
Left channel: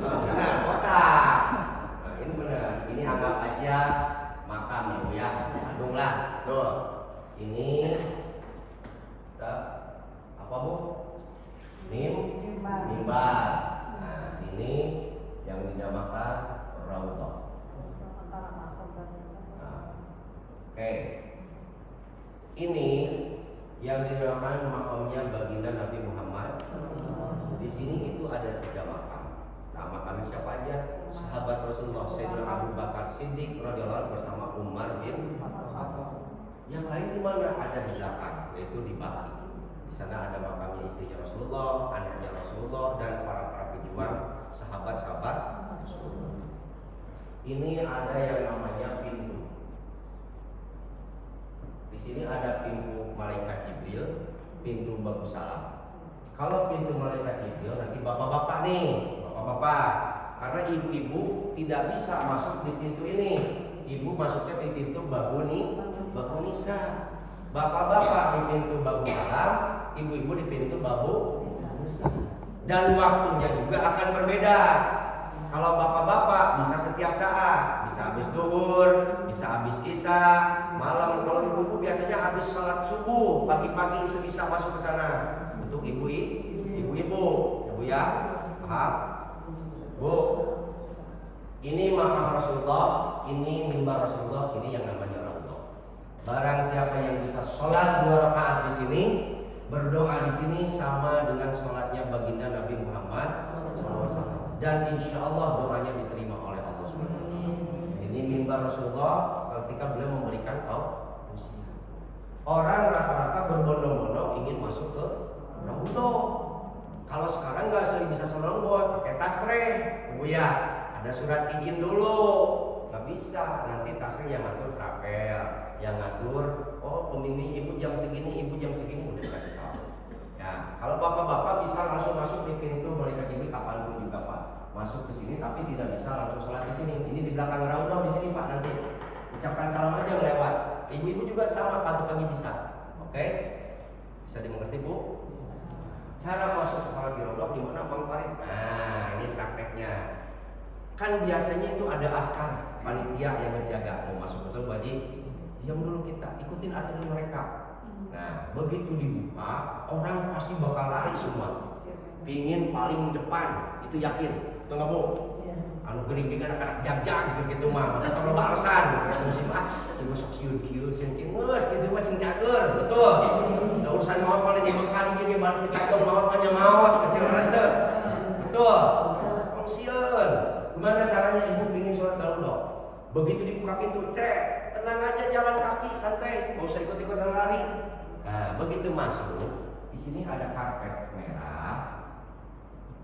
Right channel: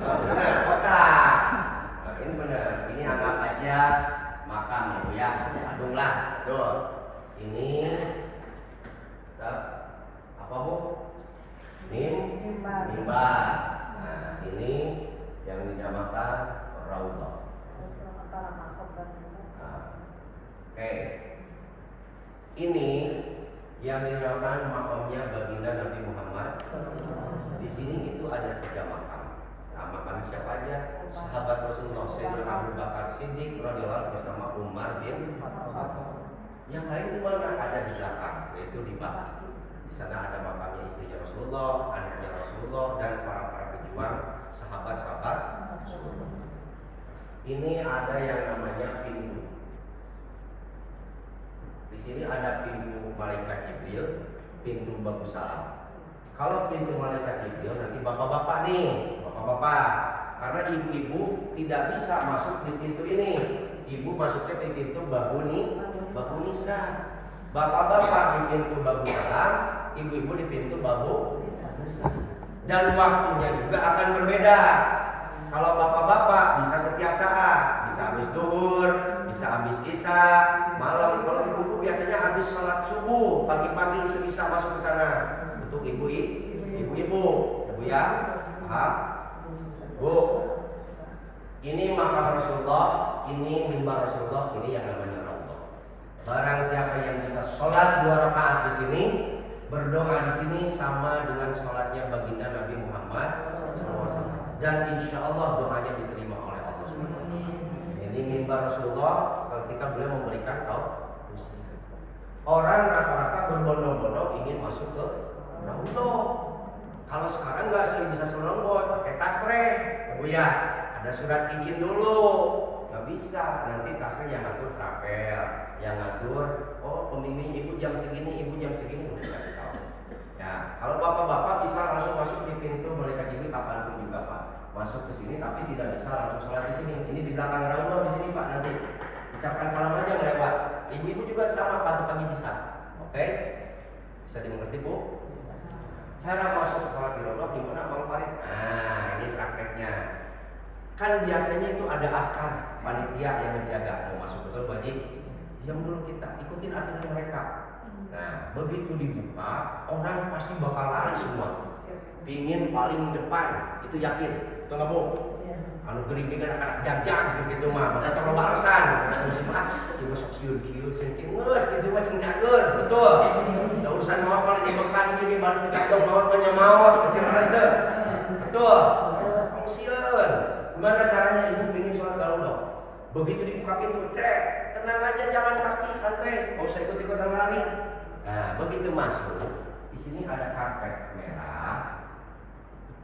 Benar, kotak. Nah, ini benar. Ini anggap aja makam ya Bu ya. Adunglah. Tuh. Ini apa Bu? Mimbar. Nah, ini yang dinamakan raudhah. Nah, oke. Ini yang dinamakan makamnya baginda Nabi Muhammad. Di sini itu ada 3 makam. Nah, makam siapa aja? Sahabat Rasulullah, Sayyidina Abu Bakar Siddiq radhiyallahu anhu bersama Umar bin Khattab. Yang lain di mana? Ada di belakang, yaitu di Baqi. Di sana ada makamnya istrinya Rasulullah, anaknya Rasulullah, dan para pejuang sahabat-sahabat Rasulullah. Ini ada yang namanya pintu. Di sini ada pintu malaikat Jibril, pintu Babu Salam. Kalau pintu malaikat Jibril nanti bapak-bapak nih, bapak-bapak. Karena ibu-ibu tidak bisa masuk di pintu ini. Ibu masuknya di pintu Babu Nisa. Bapak-bapak di pintu Babu Salam, ibu-ibu di pintu Babu Nisa. Dan waktunya juga akan berbeda. Kalau bapak-bapak bisa setiap saat, bisa habis duhur, bisa habis isya, malam. Kalau ibu-ibu biasanya habis sholat subuh, pagi-pagi itu bisa masuk ke sana. Untuk ibu-ibu, Bu ya, paham? Bu, ini makam Rasulullah, ini mimbar Rasulullah, ini yang namanya raudhah. Barang siapa yang bisa sholat 2 rakaat di sini, berdoa di sini sama dengan sholatnya baginda Nabi Muhammad SAW. Dan insya Allah doanya diterima oleh Allah SWT. Ini mimbar Rasulullah ketika beliau memberikan tausiah. Orang rata-rata berbondong-bondong ingin masuk ke raudhah. Kalau sekarang nggak bisa selongbon, pakai tasreh, ya Bu ya. ada surat izin dulu. Nggak bisa, nanti tasnya yang ngatur travel, yang ngatur, oh pembimbing ibu jam segini, udah kasih tahu. Ya, kalau bapak-bapak bisa langsung masuk di pintu Balai Kaji kapanpun juga Pak, masuk ke sini, tapi tidak bisa langsung sholat di sini. Ini di belakang Raudhah di sini Pak, nanti ucapkan salam aja ngelewat. Ibu-ibu juga sama, pagi-pagi bisa. Oke? Bisa dimengerti Bu? Cara masuk ke sholat di Raudhah gimana Bang Farid? Nah, ini prakteknya. Kan biasanya itu ada askar panitia yang menjaga mau masuk, betul Bu Haji? Diam dulu kita, ikutin aturan mereka. Nah, begitu dibuka, orang pasti bakal lari semua. Pingin paling depan, itu yakin. Betul nggak Bu? Anu gering-gering anak-anak jag-jag gitu mah, maka tong loba alasan. Kata musim ibu sok sieu-kieu sengking geus gitu mah ceng cager, betul. Da urusan maot paling dibekali jadi balik kita tong maot nya maot, kecil res teh. Betul. Kongsian. Gimana caranya ibu pingin sholat Raudhah? Begitu dibuka pintu, cek, tenang aja jalan kaki santai, nggak usah ikut-ikutan lari. Nah, begitu masuk, di sini ada karpet merah,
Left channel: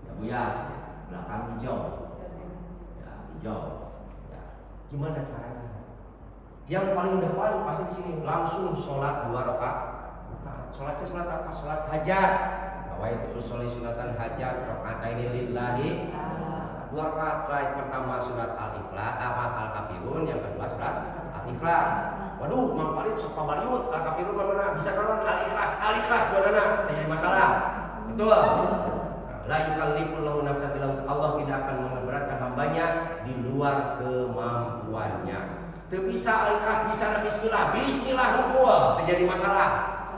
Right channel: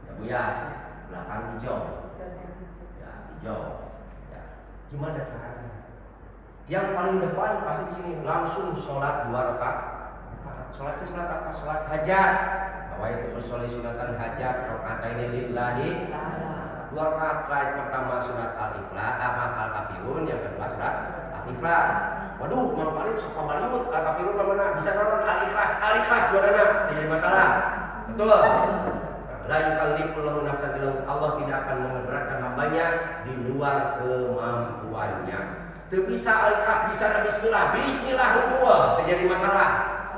ya Bu ya, belakang hijau. Hijau. Ya. Gimana caranya? Yang paling depan pasti di sini langsung sholat 2 rakaat. Sholatnya sholat apa? Sholat hajat. Nawaitu usolli sunatan hajat rakaataini lillahi. 2 rakaat. Pertama surat Al-Ikhlas, Al-Kafirun, yang kedua surat Al-Ikhlas. Waduh, Mang Farid sok pabaliut, Al-Kafirun mana? Bisa nonton Al-Ikhlas dua-duanya. Tidak jadi masalah. Betul. La yukallifullahu nafsan illa wus'aha. Allah tidak akan memberatkan hambanya di luar kemampuannya. Teu bisa Al-Ikhlas, bisa na bismillah hukumnya, teu jadi masalah.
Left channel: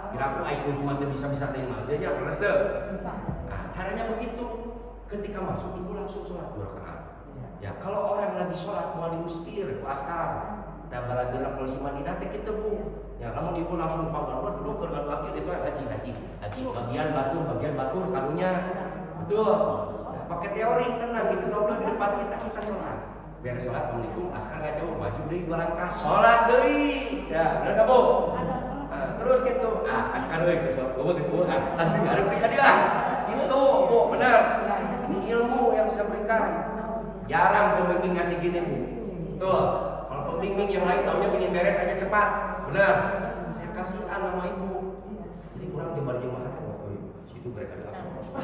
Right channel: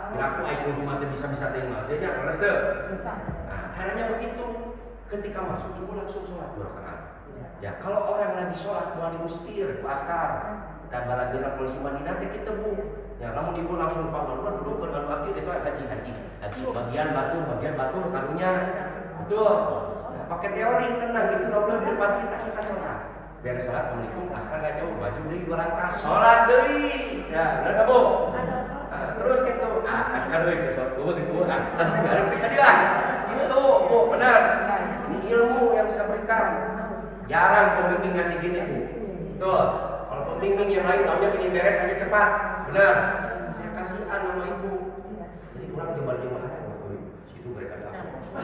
Kira aku aya kumaha teu bisa-bisa teh mah. Jadi beres teu? Bisa. Nah, caranya begitu. Ketika masuk ibu langsung sholat 2 rakaat. Ya, kalau orang lagi sholat mau diustir ku askar. Kita balageuna polisi Madinah teh kitu Bu. Ya, lamun ibu langsung panggalur duduk keur ngadu akil itu haji. Bagian batur karunya. Betul. Nah, pakai teori tenang gitu Raudhah di depan kita sholat. Beres sholat assalamualaikum askar enggak jauh maju deui 2 langkah sholat deui. Ya, bener enggak Bu? Nah, terus gitu. Askar deui sholat geus Bu. Langsung hareup di ka dia. Gitu Bu, benar. Ini ilmu yang bisa berikan. Jarang pembimbing ngasih gini Bu. Betul. Kalau pembimbing yang lain taunya pengen beres aja cepat. Benar. Saya kasihan sama ibu. Jadi kurang jebar jemaah waktu situ mereka ada apa?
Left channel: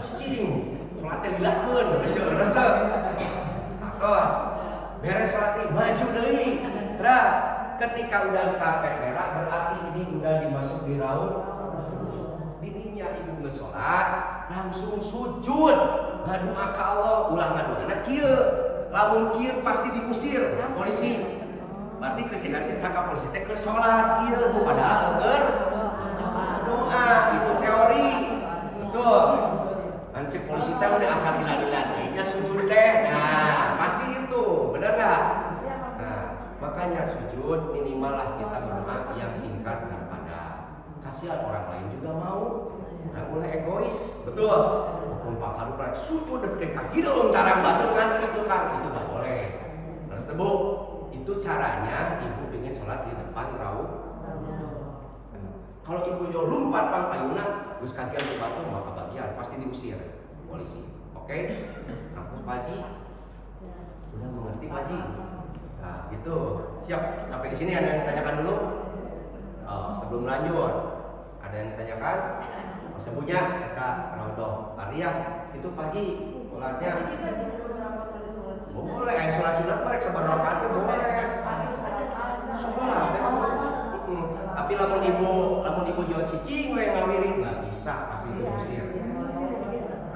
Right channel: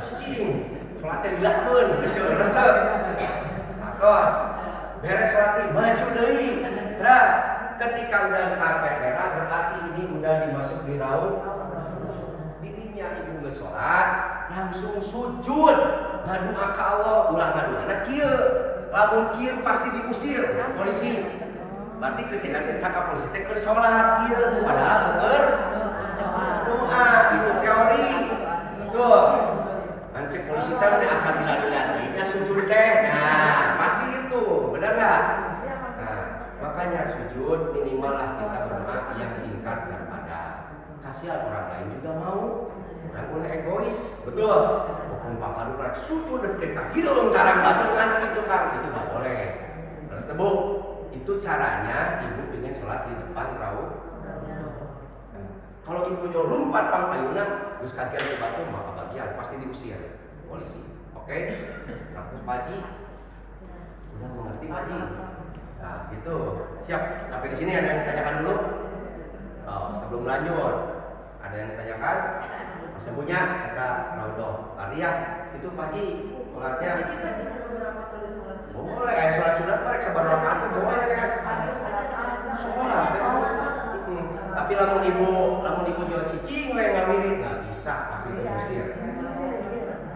Cicing. Sholatnya dilakukan. Beres teh. Akos. Beres sholatnya maju deui. Terus ketika udah di karpet merah berarti ini udah dimasuk di Raudhah. Dirinya ibu geus sholat langsung sujud ngadoa ka Allah, ulah ngadoana kieu. Lamun kieu pasti diusir polisi. Berarti kesina saka polisi teh keur salat kieu padahal keur doa, itu teori. Betul. Ancek polisi teh mun asal dilalilatinya sujud teh. Nah, pasti itu, benar enggak? Nah, makanya sujud minimal lah kita berdoa yang singkat dan padat. Kasihan orang lain juga mau. Orang boleh egois, betul. Hukum pangkalu kan sujud dekat kaki dong tarang batur kan itu kan itu nggak boleh. Terus Bu, itu caranya ibu pengen sholat di depan Raudhah. Kalau ibu jauh lompat pang payuna, terus kajian di batu maka bagian pasti diusir polisi. Oke? Nah terus Pak Haji, udah mengerti Pak Haji? Nah gitu, siap. Sampai di sini ada yang ditanyakan dulu? Oh, sebelum lanjut, ada yang ditanyakan? Sembunyinya kata Raudhah Tariah itu Pak Haji sholatnya kita bisa beberapa kali sholat sunat. Boleh kayak sholat sunat mereka seberapa kali boleh sholat tapi lamun ibu jual cicing we ngawirin nggak bisa pasti diusir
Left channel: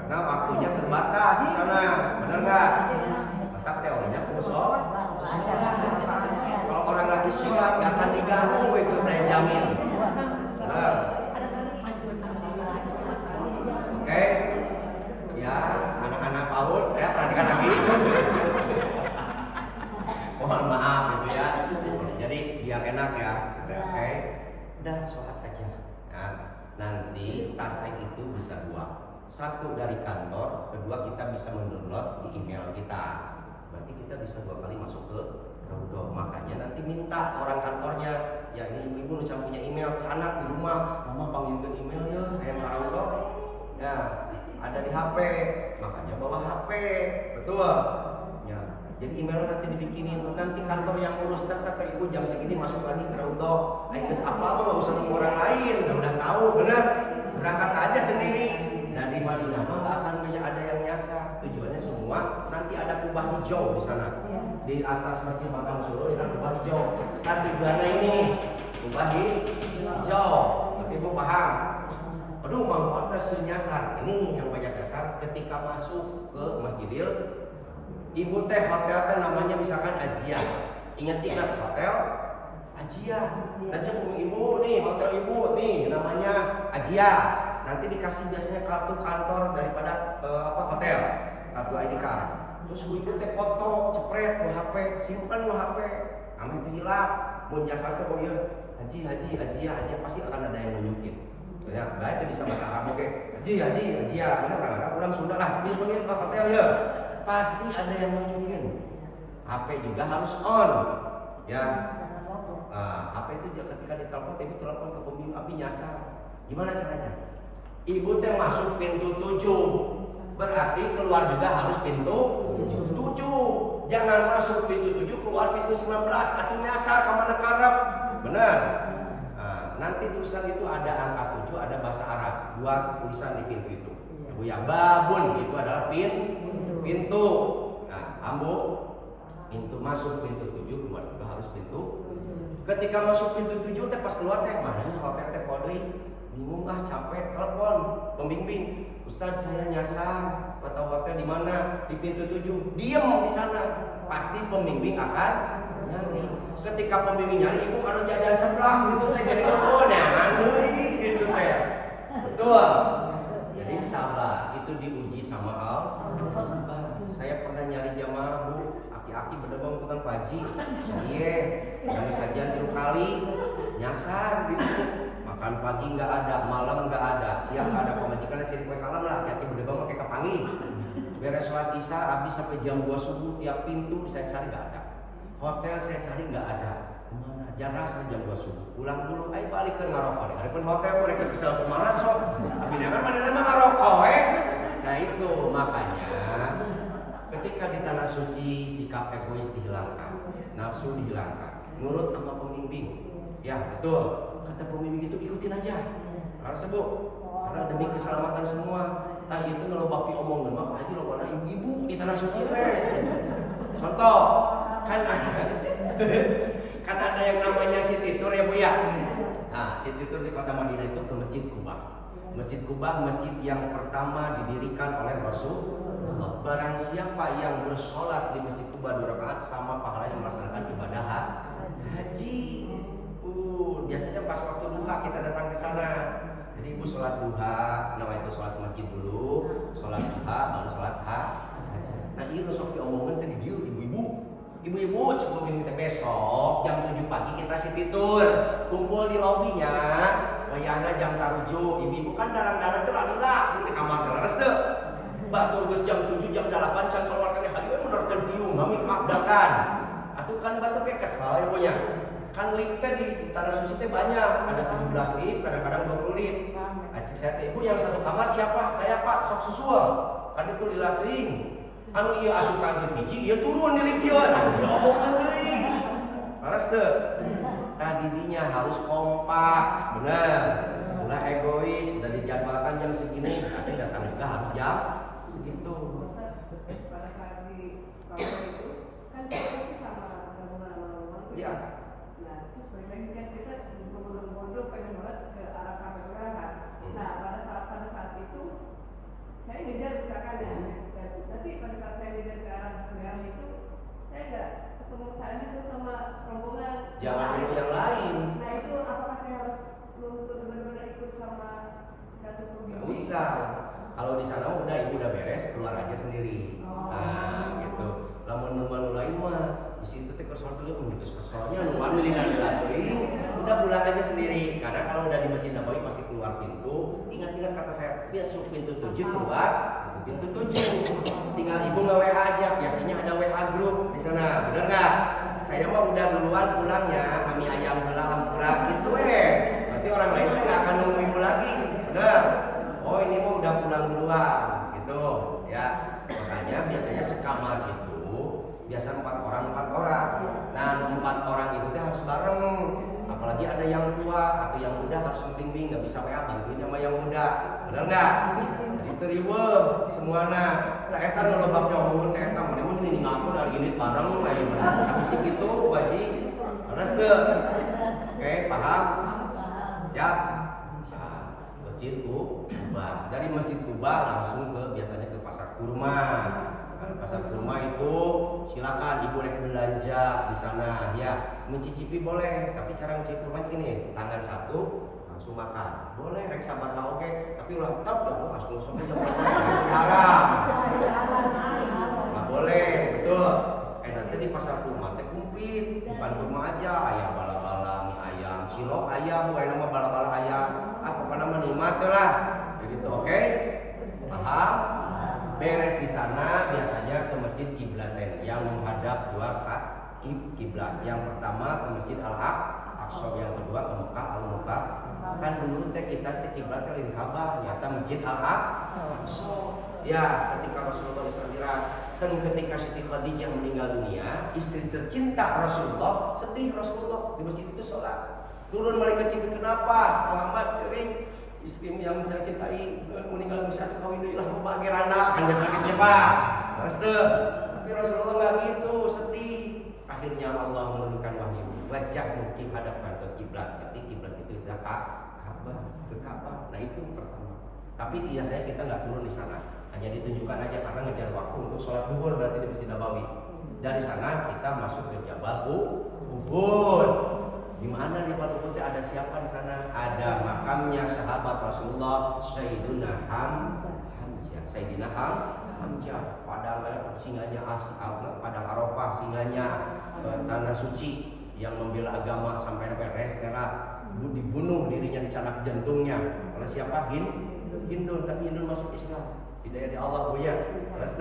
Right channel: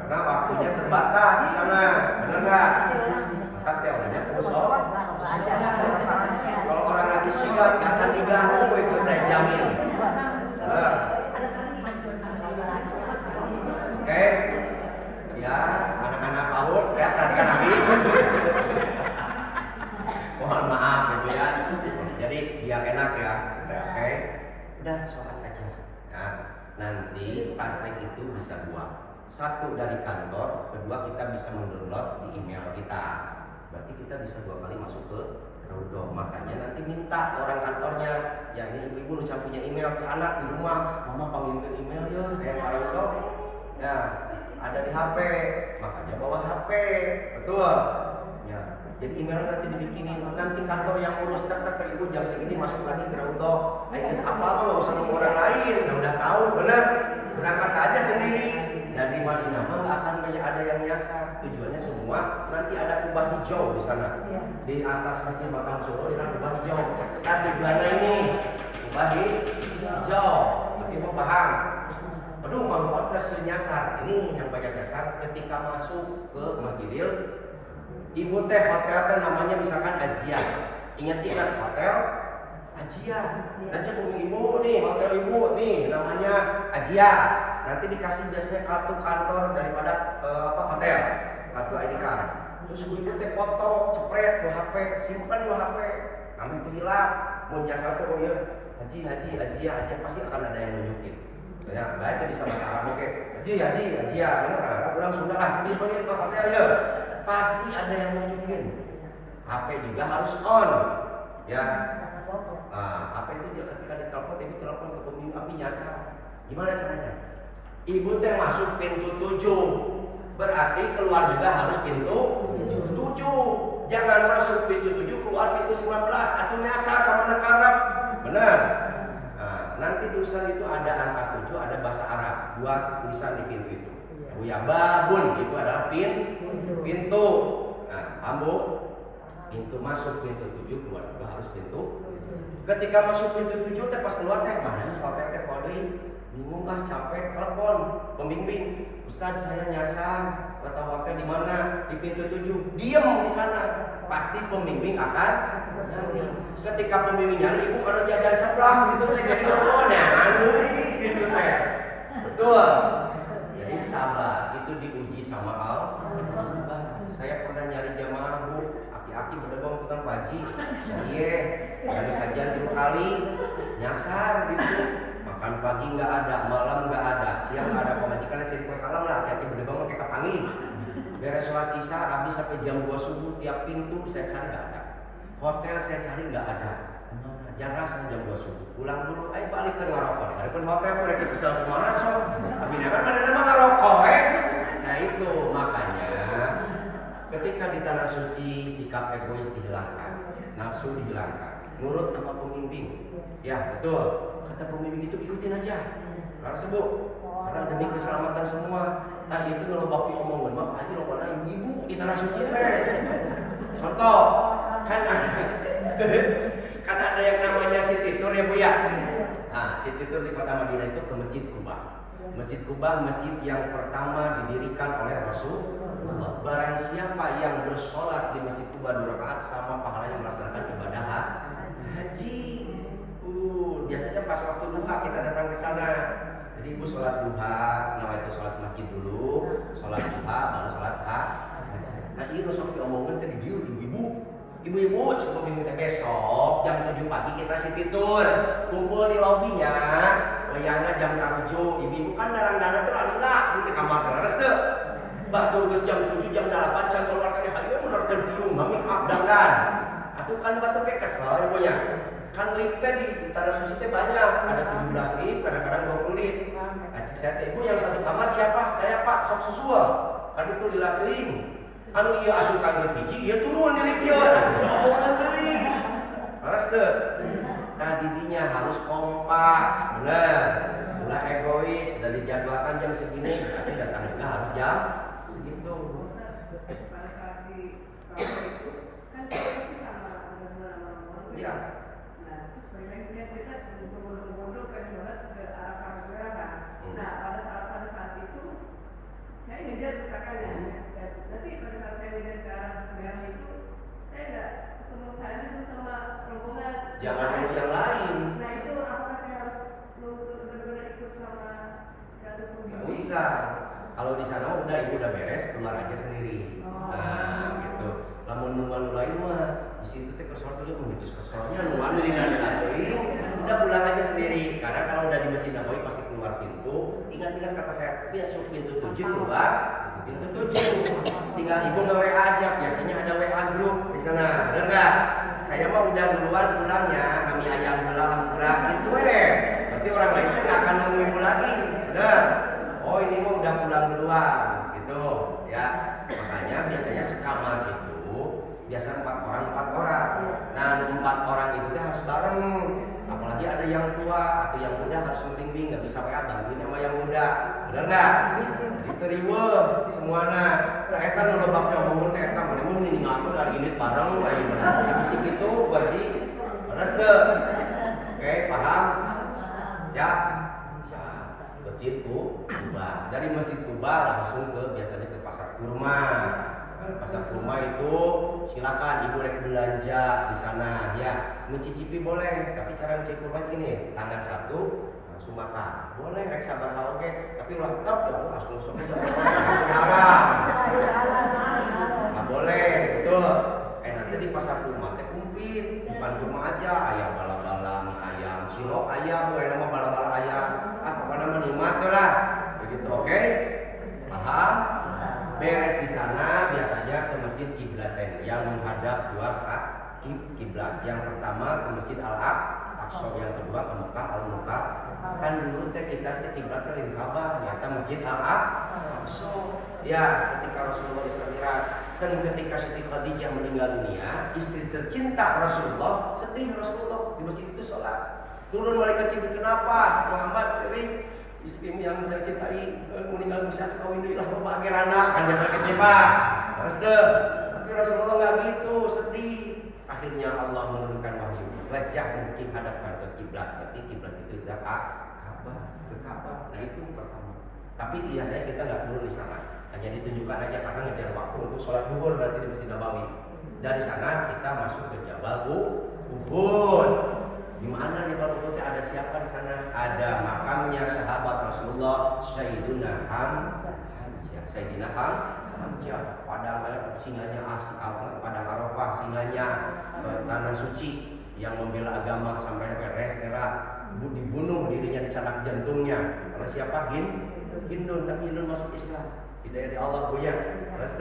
karena waktunya terbatas di sana, benar nggak? Maka teorinya kosong. Kalau orang lagi sholat nggak akan diganggu itu saya jamin. Benar. Oke, ya anak-anak PAUD ya perhatikan lagi. Mohon maaf Ibu ya. Jadi biar enak ya. Oke, udah sholat aja. Ya, nanti tasrek itu bisa 2. 1 dari kantor, kedua kita bisa mendownload di email kita. Berarti kita bisa 2 kali masuk ke Raudhah. Makanya nanti minta ke orang kantornya, ya ini ibu-ibu nucan punya email ke anak di rumah, mama panggilkan email ya kayak ke Raudhah. Ya, ada di HP, makanya bawa HP, betul. Ya, Jadi emailnya nanti dibikinin, nanti kantor yang urus, tak ibu jam segini masuk lagi ke Raudhah. Guys apa nggak usah nunggu orang lain, udah tahu bener, berangkat aja sendiri. Nah di Madinah mah nggak akan banyak ada yang nyasar, tujuannya semua nanti ada kubah hijau di sana, di atas Masjid Makam Solo ada kubah hijau. Nah tujuannya ini kubah hijau, berarti ibu paham? Aduh mau ada nyasar, ini yang banyak nyasar ketika masuk ke Masjidil. Ibu teh hotel teh namanya misalkan Ajian. Ingat hotel Ajian. Dan saya punya ibu nih, hotel ibu nih namanya Ajian. Nanti dikasih biasanya kartu kantor daripada hotel, kartu ID card. Terus ibu teh foto, cepret, bawa HP, simpan bawa HP. Kami teh hilang. Mun jasa teh oh iya, Haji, pasti akan ada yang nunjukin. Ya, baik itu bisa bahasa Arab oke. Haji, mana orang Arab, orang Sunda lah. Ini pergi ke hotel ya. Pasti ada yang nunjukin. HP juga harus on. Ya. HP itu dia ketika ditelepon, tapi telepon ke pembimbing api nyasar. Gimana caranya? Ibu teh masuk pintu 7. Berarti keluar juga harus pintu 7. Jangan masuk pintu 7 keluar pintu 19 atau nyasar ke mana karep. Benar. Nanti tulisan itu ada angka 7, ada bahasa Arab. 2 tulisan di pintu itu. Ya babun itu adalah pintu. Nah, ambo pintu masuk pintu 7 keluar juga harus pintu. Ketika masuk pintu 7 teh pas keluar teh mana nih hotel teh kode bingung capek telepon pembimbing. Ustaz saya nyasar kata hotel di mana? Di pintu 7. Diem di sana. Pasti pembimbing akan nyari. Ketika pembimbing nyari ibu kalau jajan sebelah gitu teh jadi nah gitu teh. Betul. Jadi sabar itu diuji sama Allah. Saya pernah nyari jamaah bu, aki-aki berdebong tukang paji, iya, yang sajian 3 kali, nyasar gitu, makan pagi nggak ada, malam nggak ada, siang nggak ada, pemajikan cari kue kalam lah, aki-aki berdebong pakai kapangi, beres sholat isya, habis sampai jam 2 subuh tiap pintu saya cari nggak ada, hotel saya cari nggak ada, kemana? Jarang saya jam 2 subuh, pulang dulu, ayo balik ke ngarokok deh, adapun hotel mereka kesel kemana sok, tapi mana nama ngarokok nah itu makanya. Ketika di tanah suci sikap egois dihilangkan, nafsu dihilangkan, nurut sama pembimbing. Ya betul, kata pembimbing itu ikutin aja. Karena sebut, karena demi keselamatan semua. Tadi itu kalau bapi omongan, mah aja lo mana ibu-ibu di tanah suci teh. Contoh, kan ada yang namanya Siti Tur ya bu ya. Nah, Siti Tur di kota Madinah itu ke Masjid Kuba. Masjid Kuba masjid yang pertama didirikan oleh Rasul. Barang siapa yang bersolat di Masjid Kuba 2 rakaat sama pahalanya melaksanakan ibadah haji. Biasanya pas waktu duha kita datang ke sana. Jadi ibu sholat duha, nah itu sholat masjid dulu, sholat duha, baru sholat haji. Nah ini sok diomongin tadi dia ibu-ibu coba minta besok jam 7 pagi kita Siti Tur kumpul di lobinya. Wayangna jam taruju, ibu-ibu kan darang-darang teralila di kamar terlaras tuh. Batur geus jam 7 jam 8 can keluar kana hayu menorkeun biung nami abdangan. Atuh kan batur ke kesel ibunya. Kan lift di tanah suci teh banyak, ada 17 lift, kadang-kadang 20 lift. Acik saya teh ibu yang satu kamar siapa? Saya Pak, sok susul. Kan itu lila teuing. Anu ieu asup ka lift hiji, ieu turun di lift ieu. Atuh omongan deui. Laras teu? Nah didinya harus kompak, bener. Ulah egois, udah dijadwalkan jam segini, berarti datang juga harus jam segitu. Pada saat di kalau itu kan kita sama dengan Iya. Nah, terus bagaimana kita gondol pengen banget ke arah kamera kan. Nah, pada saat itu saya ngejar misalkan ya. Tapi pada saat saya ngejar ke arah merah itu saya nggak ketemu saat itu sama rombongan. Jangan nunggu yang lain. Nah itu apakah saya harus nunggu benar-benar ikut sama Datuk Pembimbing? Nggak usah. Kalau di sana udah ibu udah beres keluar aja sendiri. Nah gitu. Lamun nu lain mah di situ teh kesel dulu menjadi keselnya nu anu udah pulang aja sendiri. Karena kalau udah di Masjid Nabawi pasti keluar pintu. Ingat-ingat kata saya, masuk pintu 7 keluar pintu 7. Tinggal ibu nge-WA aja. Biasanya ada WA grup di sana. Bener nggak? Saya mah udah duluan pulangnya. Kami ayam dalam kurang gitu Berarti orang lain tuh nggak akan nunggu ibu lagi. Bener? Oh ini mah udah pulang duluan gitu ya. Makanya biasanya sekamar itu biasa 4 orang. Nah 4 orang itu tuh harus bareng. Apalagi ada yang tua atau yang muda harus membimbing, nggak bisa kayak bantuin sama yang muda, benar nggak? Jadi teriwe semuanya. Nah eta nu lobaknya omongin teh eta mana mun ini ngaku dari ini bareng ayo tapi sih gitu waji. Terus tuh. Oke, paham? Ya. Masjid Kuba. Dari Masjid Kuba langsung ke biasanya ke Pasar Kurma. Nah, di Pasar Kurma itu silakan ibu rek belanja di sana ya. Mencicipi boleh, tapi cara mencicipi kurma gini, tangan satu langsung makan. Boleh rek sabar oke, tapi ulah tetap ya langsung aja haram. Nggak boleh, betul. Nanti di Pasar Kurma teh komplit, bukan kurma aja, ayam bala-bala, mie ayam, cilok ayam, bukan nama bala-bala ayam, apa nama nikmat lah, begitu, oke? Paham? Beres di sana biasanya ke Masjid Kiblaten yang menghadap dua kiblat. Yang pertama ke Masjid Al-Aqsa, yang kedua ke Mekah Al-Mekah. Kan dulu teh kita ke kiblat ke Ka'bah, ternyata Masjid Al-Aqsa. Ya, ketika Rasulullah Isra kan ketika Siti Khadijah meninggal dunia, istri tercinta Rasulullah, sedih Rasulullah di masjid itu sholat. Turun malaikat Jibril, kenapa? Muhammad cering istrimu yang saya cintai meninggal bisa kawinilah bahagia anak kan biasa kecewa. Terus tuh, tapi Rasulullah nggak gitu, sedih. Akhirnya Allah menurunkan wahyu, wajah mungkin hadapkan ke kiblat. Berarti kiblat itu ke Ka'bah. Nah itu pertama. Tapi biasanya kita nggak turun di sana. Hanya ditunjukkan aja karena ngejar waktu untuk sholat duhur nanti di Masjid Nabawi. Dari sana kita masuk ke Jabal Uhud. Di mana di Jabal Uhud ada siapa di sana? Ada makamnya sahabat Rasulullah Sayyidina Hamzah. Sayyidina Hamzah. Padang singanya padang Arafah, singanya tanah suci yang membela agama sampai restera dibunuh dirinya dicanak jantungnya oleh siapa? Hindun, tapi Hindun masuk Islam. Hidayah di Allah goyang. Terus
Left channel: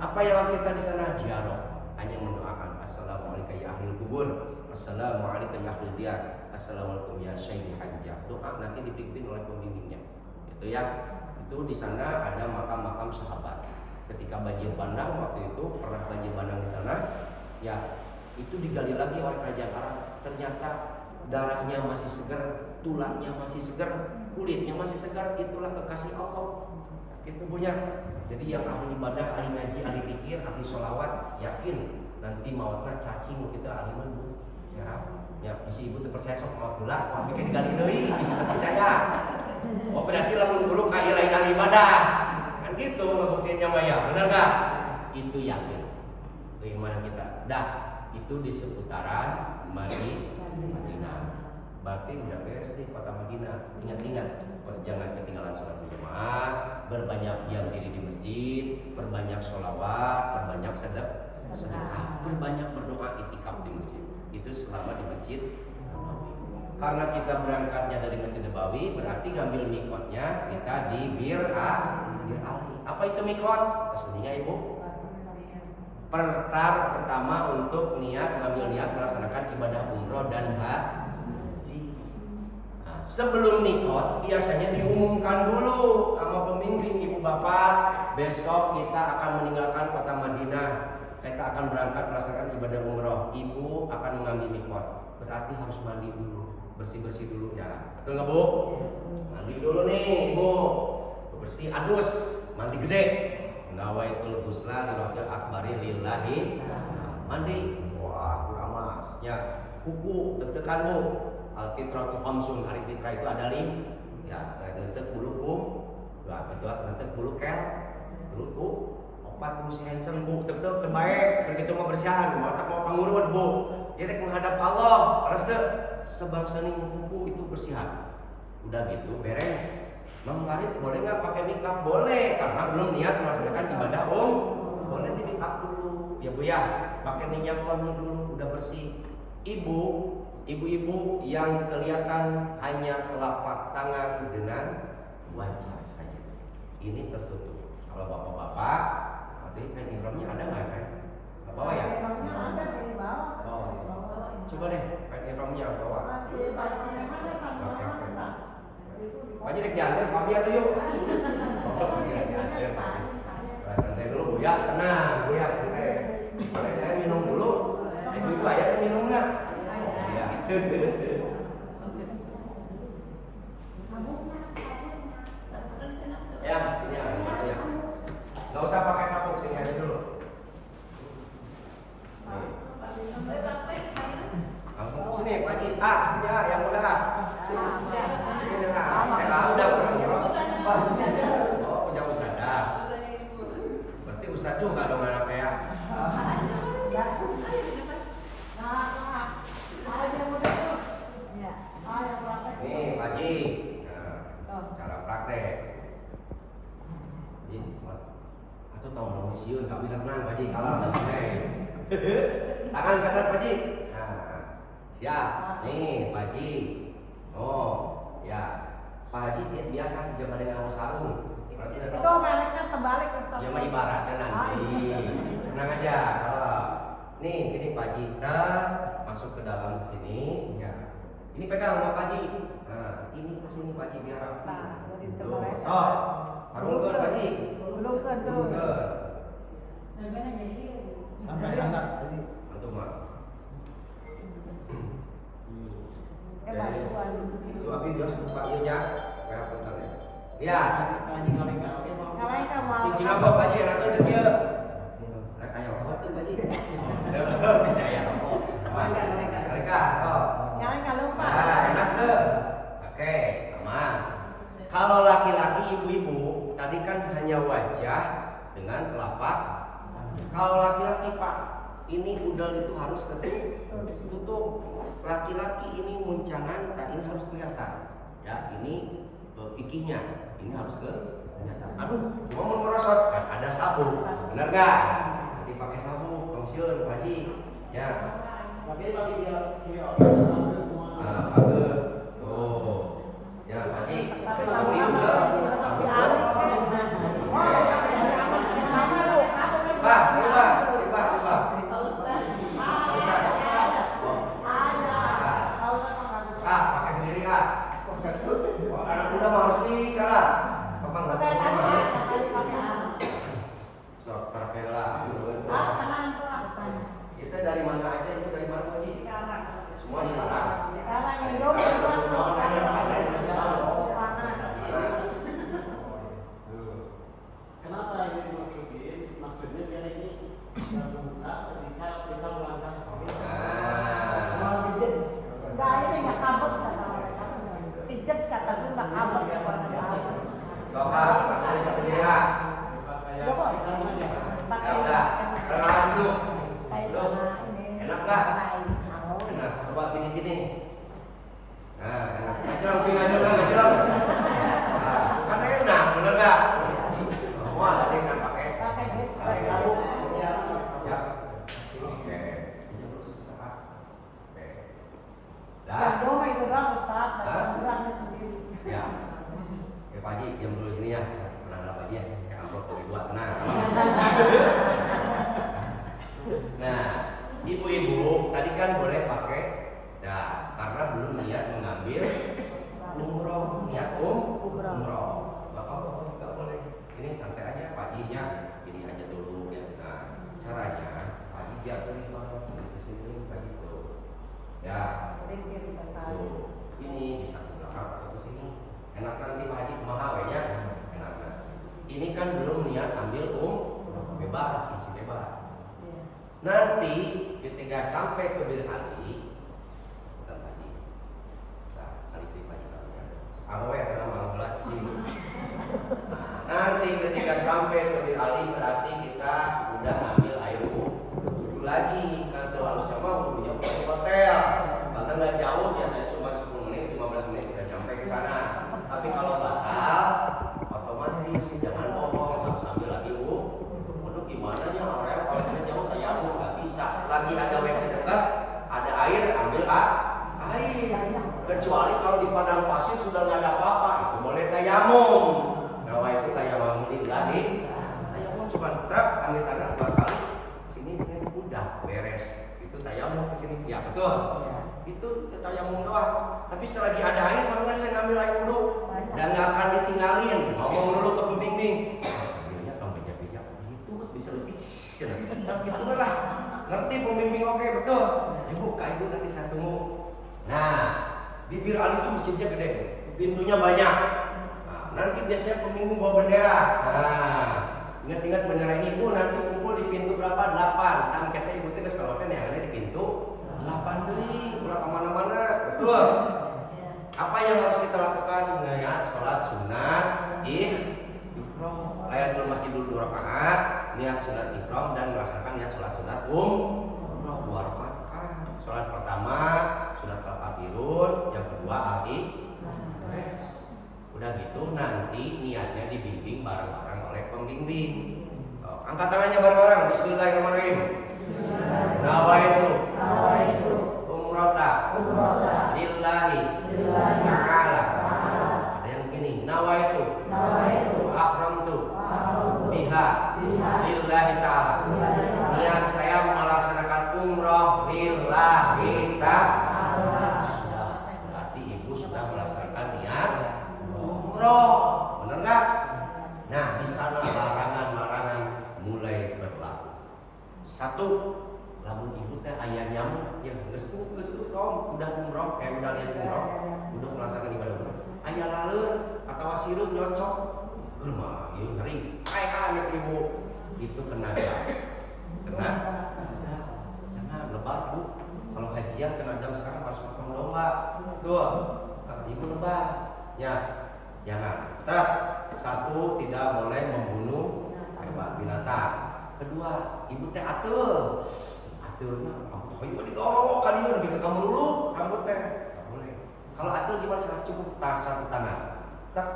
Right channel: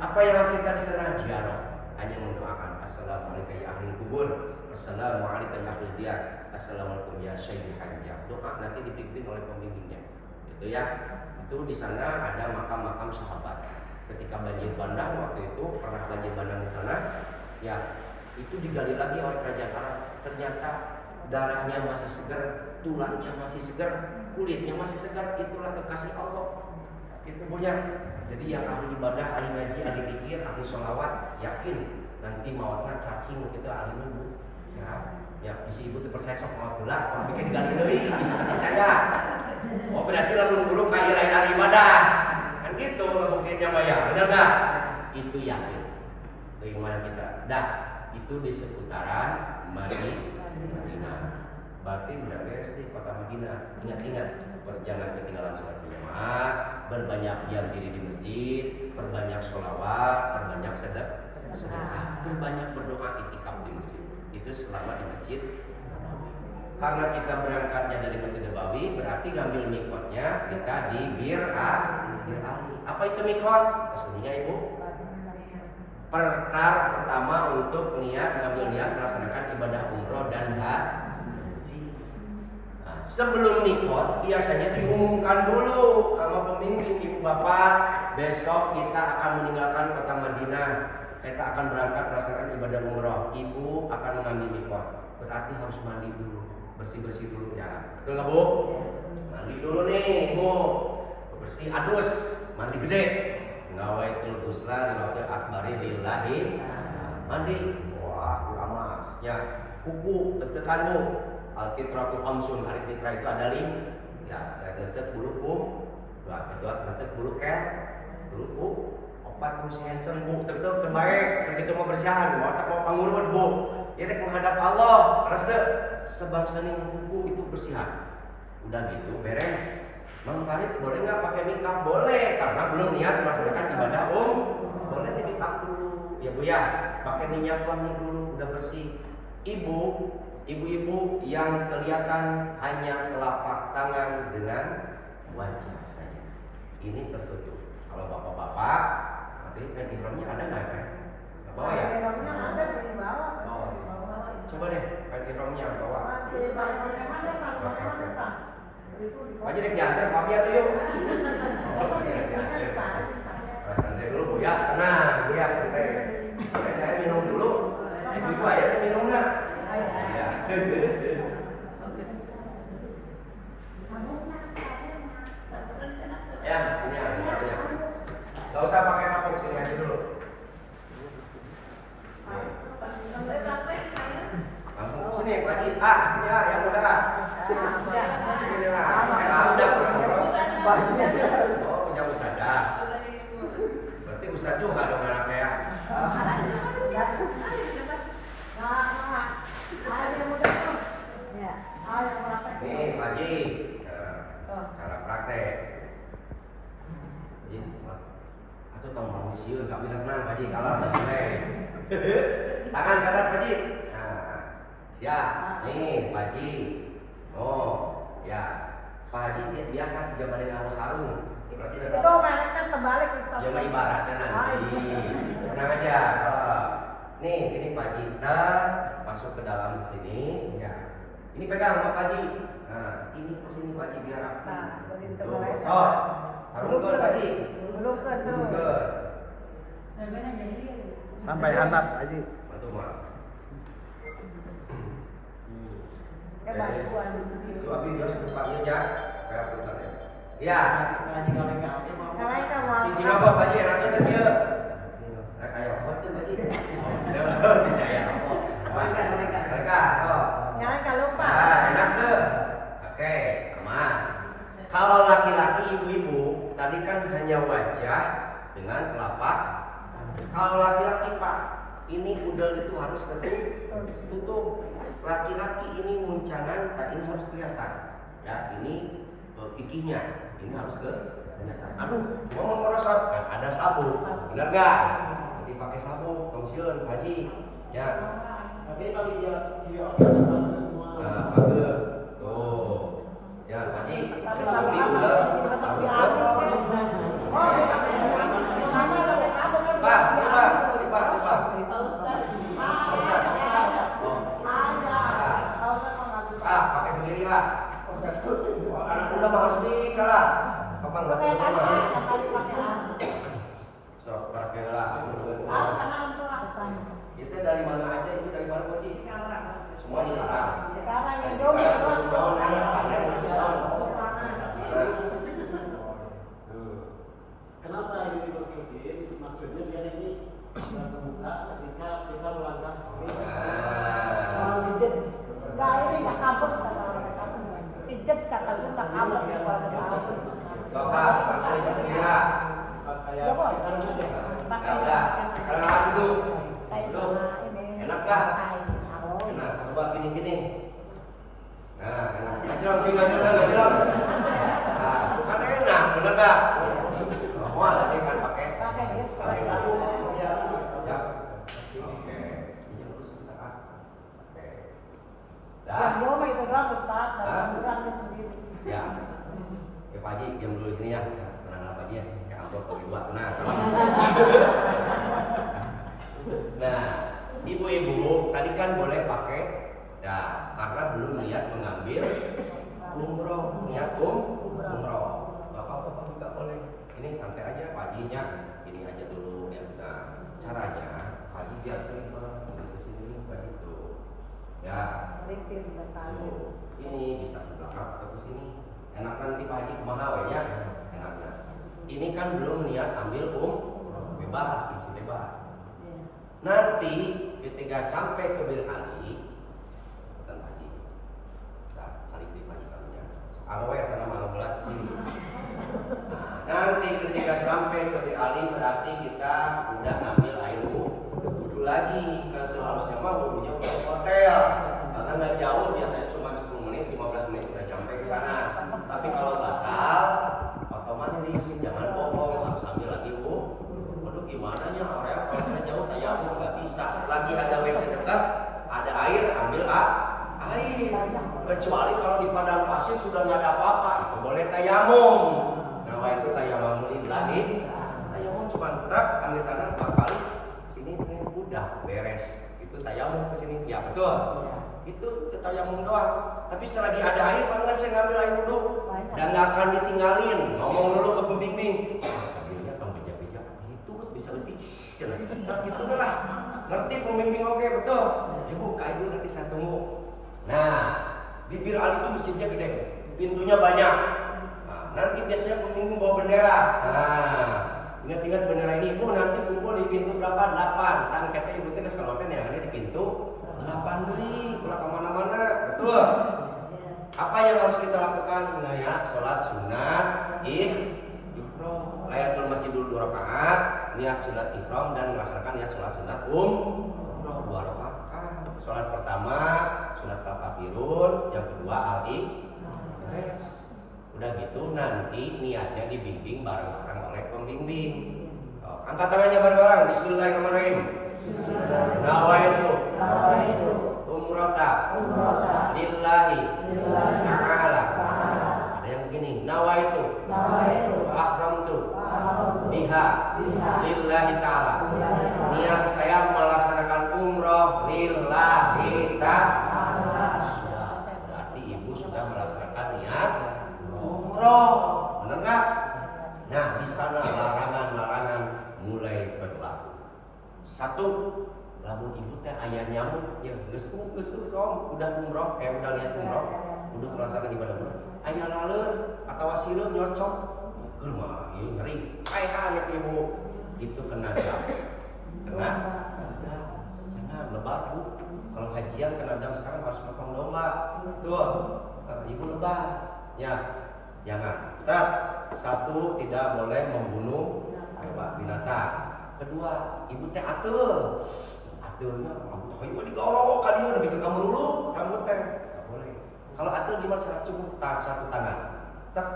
apa yang harus kita di sana? Ziarah. Hanya mendoakan assalamualaikum ya ahli kubur, assalamualaikum ya ahli diyar, assalamualaikum ya syekh hajjah. Doa nanti dipimpin oleh pembimbingnya. Itu ya. Itu di sana ada makam-makam sahabat. Ketika banjir bandang waktu itu pernah banjir bandang di sana, ya itu digali lagi oleh kerajaan Arab. Ternyata darahnya masih segar, tulangnya masih segar, kulitnya masih segar. Itulah kekasih Allah. Itu punya. Jadi yang ahli ibadah, ahli ngaji, ahli zikir, ahli sholawat, yakin nanti mautnya cacing kita ahli nunggu. Ya, isi ibu terpercaya sok maut lah, mau bikin digali deui bisa terpercaya. Oh berarti lamun buruk kayak lain ahli ibadah. Kan gitu ngebuktiinnya mah ya, benar enggak? Itu yakin. Itu yang mana kita. Dah, itu di seputaran Madinah. Berarti udah beres di kota Madinah. Ingat-ingat, jangan ketinggalan sholat berjamaah, berbanyak diam diri di masjid, berbanyak sholawat, berbanyak sedekah, berbanyak berdoa itikaf di masjid. Itu selama di masjid Nabawi. Karena kita berangkatnya dari Masjid Nabawi, berarti ngambil mikotnya kita di Bir Ali. Apa itu mikot? Maksudnya ibu? Pertama untuk ngambil niat melaksanakan ibadah umroh dan haji. Sebelum nikot biasanya diumumkan dulu sama pembimbing ibu bapak, besok kita akan meninggalkan kota Madinah, kita akan berangkat melaksanakan ibadah umroh. Ibu akan mengambil nikot, berarti harus mandi dulu, bersih dulu ya, betul nggak bu? Mandi dulu nih ibu, bersih adus, mandi gede. Nawaitul ghusla lirabbil akbari lillahi. Mandi, wah kuramas ya, kuku deg-degan bu. Al-fitratu khamsun, hari fitrah itu ada 5. Ya, ngetek bulu kum, kedua ngetek bulu kel, bulu 40 handsome bu, tetep terbaik, begitu mau bersihan, mau tak mau pangurut bu. Ya menghadap Allah, harus tuh sebangsa ning kuku itu bersihan. Udah gitu beres. Mang Farid boleh nggak pakai makeup? Boleh, karena belum niat melaksanakan ibadah boleh di makeup dulu. Ya bu ya, pakai minyak wangi dulu, udah bersih. Ibu-ibu yang kelihatan hanya telapak tangan dengan wajah saja. Ini tertutup. Kalau bapak-bapak, nanti kain ihramnya ada nggak kan? Nggak bawa ya? Bawa. Coba deh kain ihramnya bawa. Wajib dek diantar, kami atau yuk. santai dulu Bu ya, tenang Bu ya, santai. Boleh saya minum dulu. Ibu aja tuh minum lah. Iya. Ya, ini ya. Gak usah pakai sapu, sini aja dulu. Langsung sini Pak Haji. Sini yang muda. Sini lah. Udah. Oh, punya usaha. Berarti usaha juga dong anaknya ya. Nih Pak Haji. Cara praktek. Atau tau mau siun gak bilang nang Pak Haji kalah tangan ke atas Pak Haji. Nah, siap. Nih Pak Haji. Oh, ya. Pak Haji biasa sejabat dengan sarung. Itu kan terbalik Ustaz. Ya mah ibaratnya nanti. Tenang aja. Kalau nih ini Pak Haji masuk ke dalam sini. Ya. Ini pegang sama Pak Haji. Nah, ini ke sini Pak Haji biar rapi. Tuh, sok. Harungkeun Pak Haji. Harungkeun. Sampai handap Pak Haji. Mantu mah. Itu abi biasa buka ieu nya. Kayak putar ya. Iya. Cincin apa Pak Haji? Nanti teh kieu. Nah, kayak rokok tuh Pak Haji. Bisa ya rokok. Mereka, Jangan lupa. Nah, enak tuh. Oke, aman. Kalau laki-laki ibu-ibu, tadi kan hanya wajah dengan telapak. Kalau laki-laki Pak, ini udel itu harus tutup. Laki-laki ini muncangan, ini harus kelihatan. Ya, ini fikihnya. Ini harus kelihatan. Aduh, mau merosot kan ada sabun. Benar nggak? Jadi pakai sabun, tong sieun Pak Haji. Ya. Tapi dia Nah, pagel. Tuh. Ya, Pak Haji. Tapi udah harus ke. Pak, ini Pak. Ustaz. Pakai sendiri lah. Anak muda mah harus bisa lah. Apa enggak perlu? Sok pakai lah. Kita dari mana aja? Itu dari mana Pak Haji? Semua sekarang. Sekarang musim daun enak, panen musim daun. Kenapa ini dimasukin? Maksudnya dia ini terbuka ketika kita melangkah. Ini nggak kabur. Pijet kata sudah kabur. Kak, langsung ikut sendiri ya. Ya udah, sekarang malam dulu. Duduk. Enak gak? Enak, coba gini-gini. Nah, enak. Ngajelang sih, ngajelang. Nah, bukan enak, bener gak? Semua tadi kan pakai sabun. Ya. Oke. Dah. Itu doang Ustaz, kurangnya sendiri. Ya. Oke Pak Haji, diam dulu di sini ya. Tenang Pak Haji ya. Kayak amplop bagi dua, tenang. Nah, ibu-ibu tadi kan boleh pakai karena belum niat mengambil umroh, niat umroh. Bapak-bapak juga boleh. Ini santai aja Pak Hajinya. Ini aja dulu ya. Nah, caranya Pak Haji biar cerita ke sini Pak Haji tuh. Ya. Tuh, ini bisa ke belakang atau ke sini. Enak nanti Pak Haji kumaha we nya? Enak. Ini kan belum niat ambil bebas, masih bebas. Nanti ketika sampai ke Bir Ali, Pak Haji. Nah, cari Pak Haji kamunya. Awe atau nama gelas sini. Nanti ketika sampai ke Bir Ali berarti kita udah ambil air wudhu lagi. Kan seharusnya mah wudhunya ke hotel. Karena nggak jauh, biasanya cuma 10 menit, 15 menit udah sampai ke sana. Tapi kalau batal, otomatis jangan bohong, harus ambil lagi waduh gimana ya orang kalau kita jauh tayamum nggak bisa. Selagi ada WC dekat, ada air, ambil air. Kecuali kalau di padang pasir sudah nggak ada apa-apa, itu boleh tayamum. Nah, itu tayamum lillahi. Tayamum cuma truk ambil tanah 4 kali, sini udah beres. Itu tayamum ke sini, ya betul. Itu tayamum doang. Tapi selagi ada air, malah saya ngambil air wudhu dan nggak akan ditinggalin. Ngomong dulu ke pembimbing. Tadinya tong beja-beja begitu Nah gitu lah. Ngerti pembimbing oke betul. Ya bu, ibu nanti saya tunggu. Nah, di Bir Ali itu masjidnya gede, pintunya banyak. Nah, nanti biasanya pembimbing bawa bendera. Nah, ingat-ingat bendera ini bu, nanti kumpul di pintu berapa? 8. Tang kita ibu teh geus kaloten yang ada di pintu 8 deui, ulah kemana-mana, betul. Apa yang harus kita lakukan? Nah ya, sholat sunat ifram. Layatul masjid dulu 2 rakaat, niat sunat ifram dan melaksanakan niat sholat sunat umroh 2 rakaat. Sholat pertama sunat al-kafirun, yang kedua al-ikhlas. Udah gitu nanti niatnya dibimbing bareng-bareng oleh pembimbing. Angkat tangannya bareng-bareng. Bismillahirrahmanirrahim. Nawaitu umrata lillahi ta'ala. Ada yang begini, nawaitu wa akhramtu biha lillahi ta'ala. Niat saya melaksanakan umroh lillahi ta'ala. Sudah, berarti ibu sudah melaksanakan niat umroh, benar nggak? Nah, di sana larangan-larangan mulai berlaku. 1, lamun ibu teh aya nyamuk, ya geus udah umroh, udah lihat umroh, udah melaksanakan ibadah umroh. Aya laleur atawa sirup nyocok, keur mah ieu ngeri. Aya ibu, itu kena dam. Kena dam. Jangan lebar bu. Kalau hajian kena dam sekarang harus potong domba. Tuh, ibu lebar. Ya, jangan. 1, tidak boleh membunuh hewan binatang. 2, ibu teh atul. Atulnya rambut hayu digorok ka dieu bikin kamu dulu rambut teh. Enggak boleh. Kalau atul gimana cara? Cukup satu tangan. Tak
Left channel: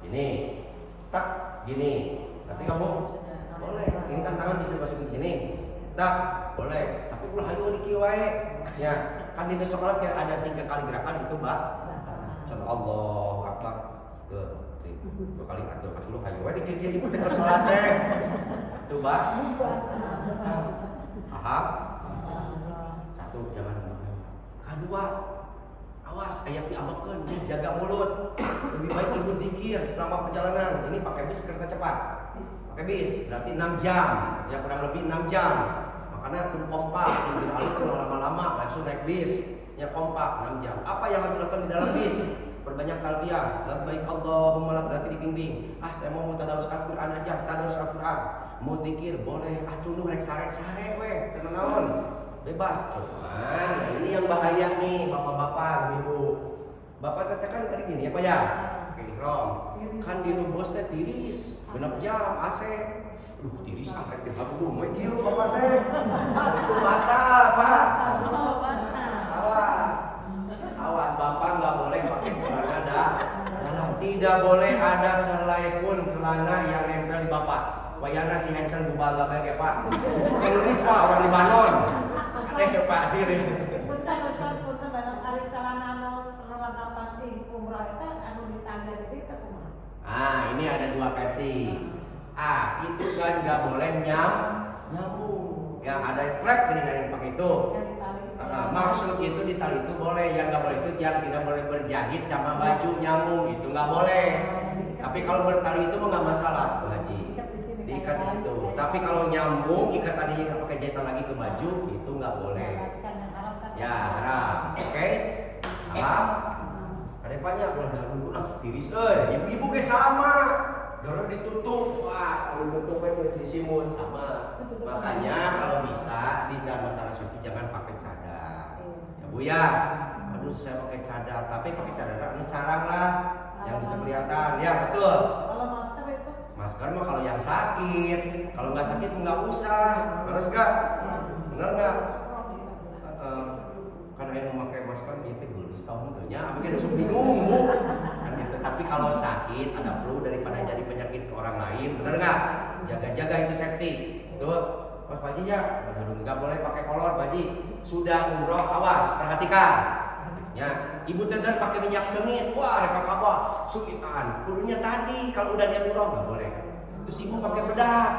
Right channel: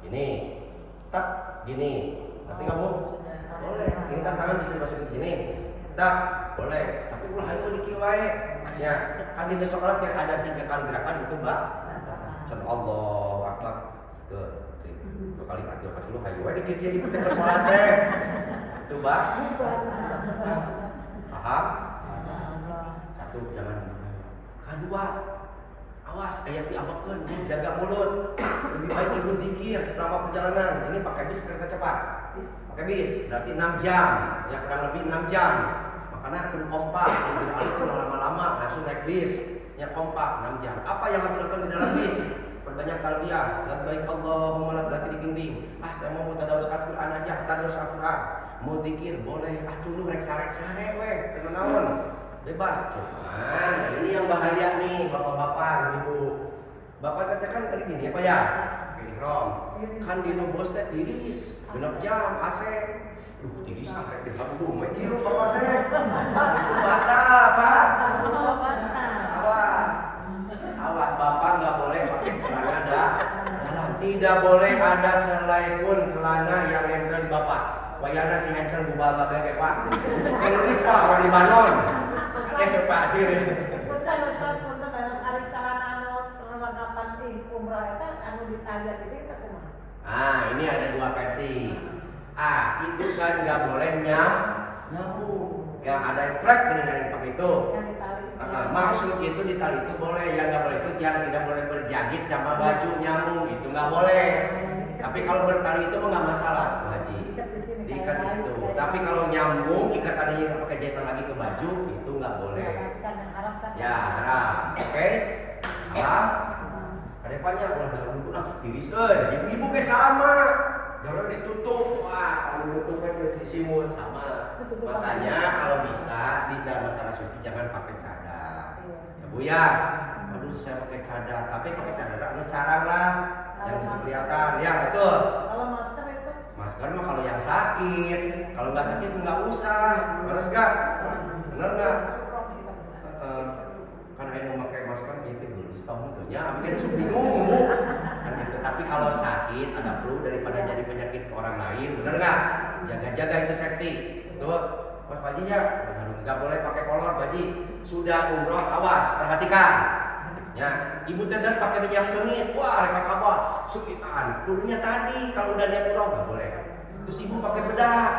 gini. Tak gini. Nanti kamu boleh. Ini kan tangan bisa dimasukin sini. Tak boleh. Tapi ulah hayu di kieu wae. Ya, kan di sholat kayak ada 3 kali gerakan itu, Mbak. Contoh Allahu Akbar. Tuh. 2 kali atul dulu hayu wae di kieu ibu teh keur salat teh. Tuh, Mbak. Paham? 1, jangan ngomong. 2, awas kayak diambekeun, jaga mulut. Lebih baik ibu zikir selama perjalanan. Ini pakai bis kereta cepat. Pakai bis berarti 6 jam, ya kurang lebih 6 jam. Makanya kudu kompak, di Ali itu lama-lama langsung naik bis. Ya kompak 6 jam. Apa yang harus dilakukan di dalam bis? Perbanyak talbiyah. Labbaik Allahumma labbaik, dibimbing. Saya mau tadarus Al-Qur'an aja, tadarus Al-Qur'an. Mau zikir boleh, cunduh rek sare-sare we, teu naon. Bebas. Cuman ini yang bahaya nih, bapak-bapak, ibu. Bapak teh kan tadi gini apa ya? Ihram. Kan di bos teh tiris, 6 jam AC. Tiris sampai di habdu, mah kieu bapak teh. Itu batal, Pak. Awas bapak nggak boleh pakai celana dalam. Tidak boleh ada selai pun celana yang nempel di bapak. Wayana si Hansel bubaga bae Pak. Indonesia Pak, orang Libanon. Pak sirin. Punten dalam hari celana perlengkapan di umroh eta anu ditanda jadi eta kumaha? Ini ada 2 versi. Itu kan nggak boleh nyambung. Yang ada track dengan yang pakai itu. Maksud itu di tali itu boleh, yang nggak boleh itu yang tidak boleh berjahit sama baju nyambung, itu nggak boleh. Tapi kalau bertali itu mah nggak masalah, Bu Haji. Diikat di situ. Tapi kalau nyambung, ikat tadinya pakai jahitan lagi ke baju, itu nggak boleh. Ya haram, oke? Haram. Ada banyak kalau dulu langsung tiris, ibu-ibu kayak sama. Darah ditutup, wah kalau ditutupnya disimut sama. Makanya kalau bisa di dalam tanah suci jangan pakai cadar. Ya Bu ya, aduh saya pakai cadar, tapi pakai cadar ada carang lah yang bisa kelihatan. Ya betul. Kalau masker itu? Masker mah kalau yang sakit, kalau nggak sakit nggak usah. Benar nggak? Benar nggak? Kan yang memakai masker itu gelis tahu nya, abis itu bingung Bu. Kan gitu. Tapi kalau sakit ada flu daripada jadi penyakit ke orang lain, benar nggak? Jaga-jaga itu safety. Tuh. Mas Baji ya, nggak boleh pakai kolor Baji. Sudah umroh awas, perhatikan. Ya, ibu tender pakai minyak sengit, wah reka kabah, sukitan. Kudunya tadi kalau udah niat umroh nggak boleh. Terus ibu pakai bedak,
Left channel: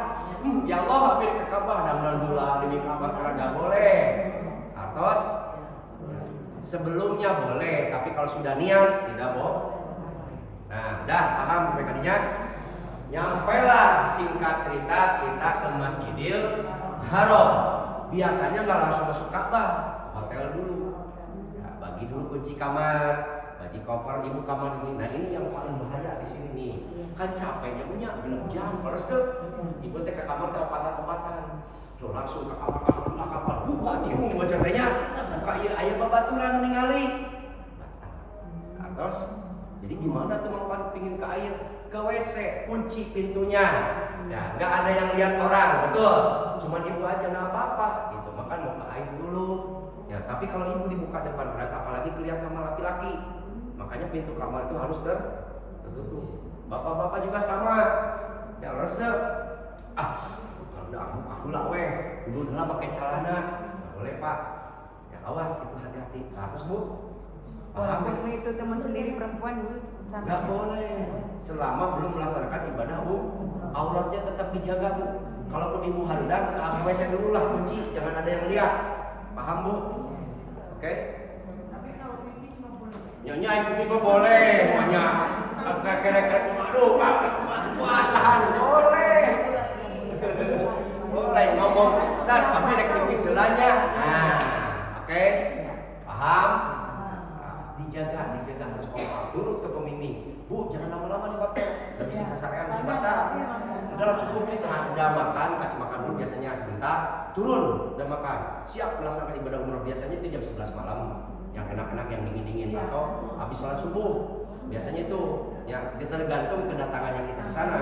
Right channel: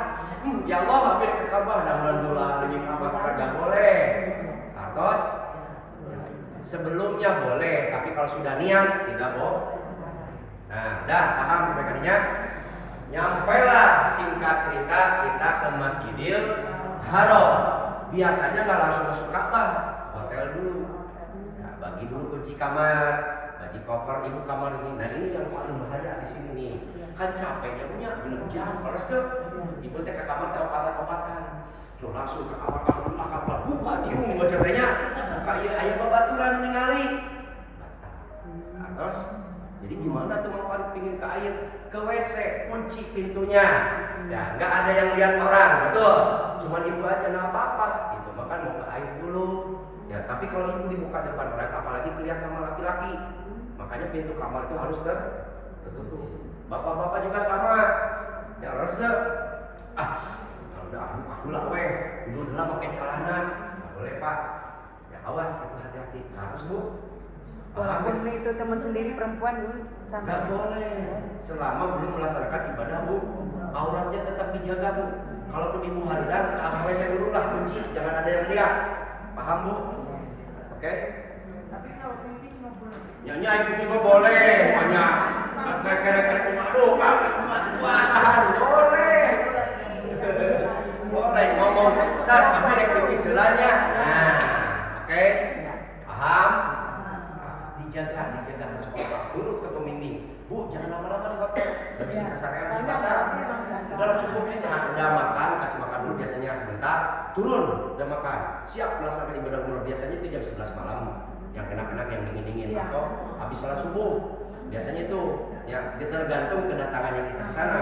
ya Allah hampir reka kabah, dan dulu demi kabah nggak boleh. Artos, sebelumnya boleh, tapi kalau sudah niat tidak boleh. Nah, dah paham sampai tadinya? Nyampailah singkat cerita kita ke Masjidil Haram. Biasanya nggak langsung masuk Ka'bah, ke hotel dulu. Ya, bagi dulu kunci kamar, bagi koper ibu kamar ini. Nah ini yang paling bahaya di sini nih. Kan capeknya punya 6 jam, terus tuh ibu teh ke kamar teh obatan-obatan. Terus langsung ke kamar buka tiung wajarnya, buka iya aya babaturan ningali. Terus jadi gimana tuh Mang Farid pingin ke air? Ke WC, kunci pintunya. Ya, nggak ada yang lihat orang, betul. Cuman ibu aja nggak apa-apa. Gitu, makan mau ke air dulu. Ya, tapi kalau ibu dibuka depan orang, apalagi kelihatan sama laki-laki, makanya pintu kamar itu harus tertutup. Bapak-bapak juga sama. Ya harus kalau udah aku lah weh, dulu udah pakai celana, nggak boleh Pak. Ya awas, itu hati-hati. Harus Bu. Paham? Itu teman sendiri perempuan Bu. Nggak boleh. Selama belum melaksanakan ibadah Bu, auratnya tetap dijaga Bu. Kalaupun ibu haridan, ke WC dulu lah kunci, jangan ada yang lihat. Paham Bu? Oke? Tapi kalau pipis mah boleh. Nyanyi pipis mah boleh, banyak. Kerek-kerek aduh, Pak, kuat, boleh. Boleh ngomong, Ustaz, tapi rek pipis heulanya. Nah, oke? Paham? Dijaga harus kompak. Turut ke pembimbing. Bu, jangan lama-lama di hotel. Udah bisa kesarean bisa batal. Udahlah cukup setengah udah makan, kasih makan dulu biasanya sebentar. Turun, udah makan. Siap melaksanakan ibadah umroh biasanya itu jam 11 malam. Yang enak-enak, yang dingin-dingin atau habis sholat subuh. Biasanya itu yang tergantung kedatangannya kita ke sana.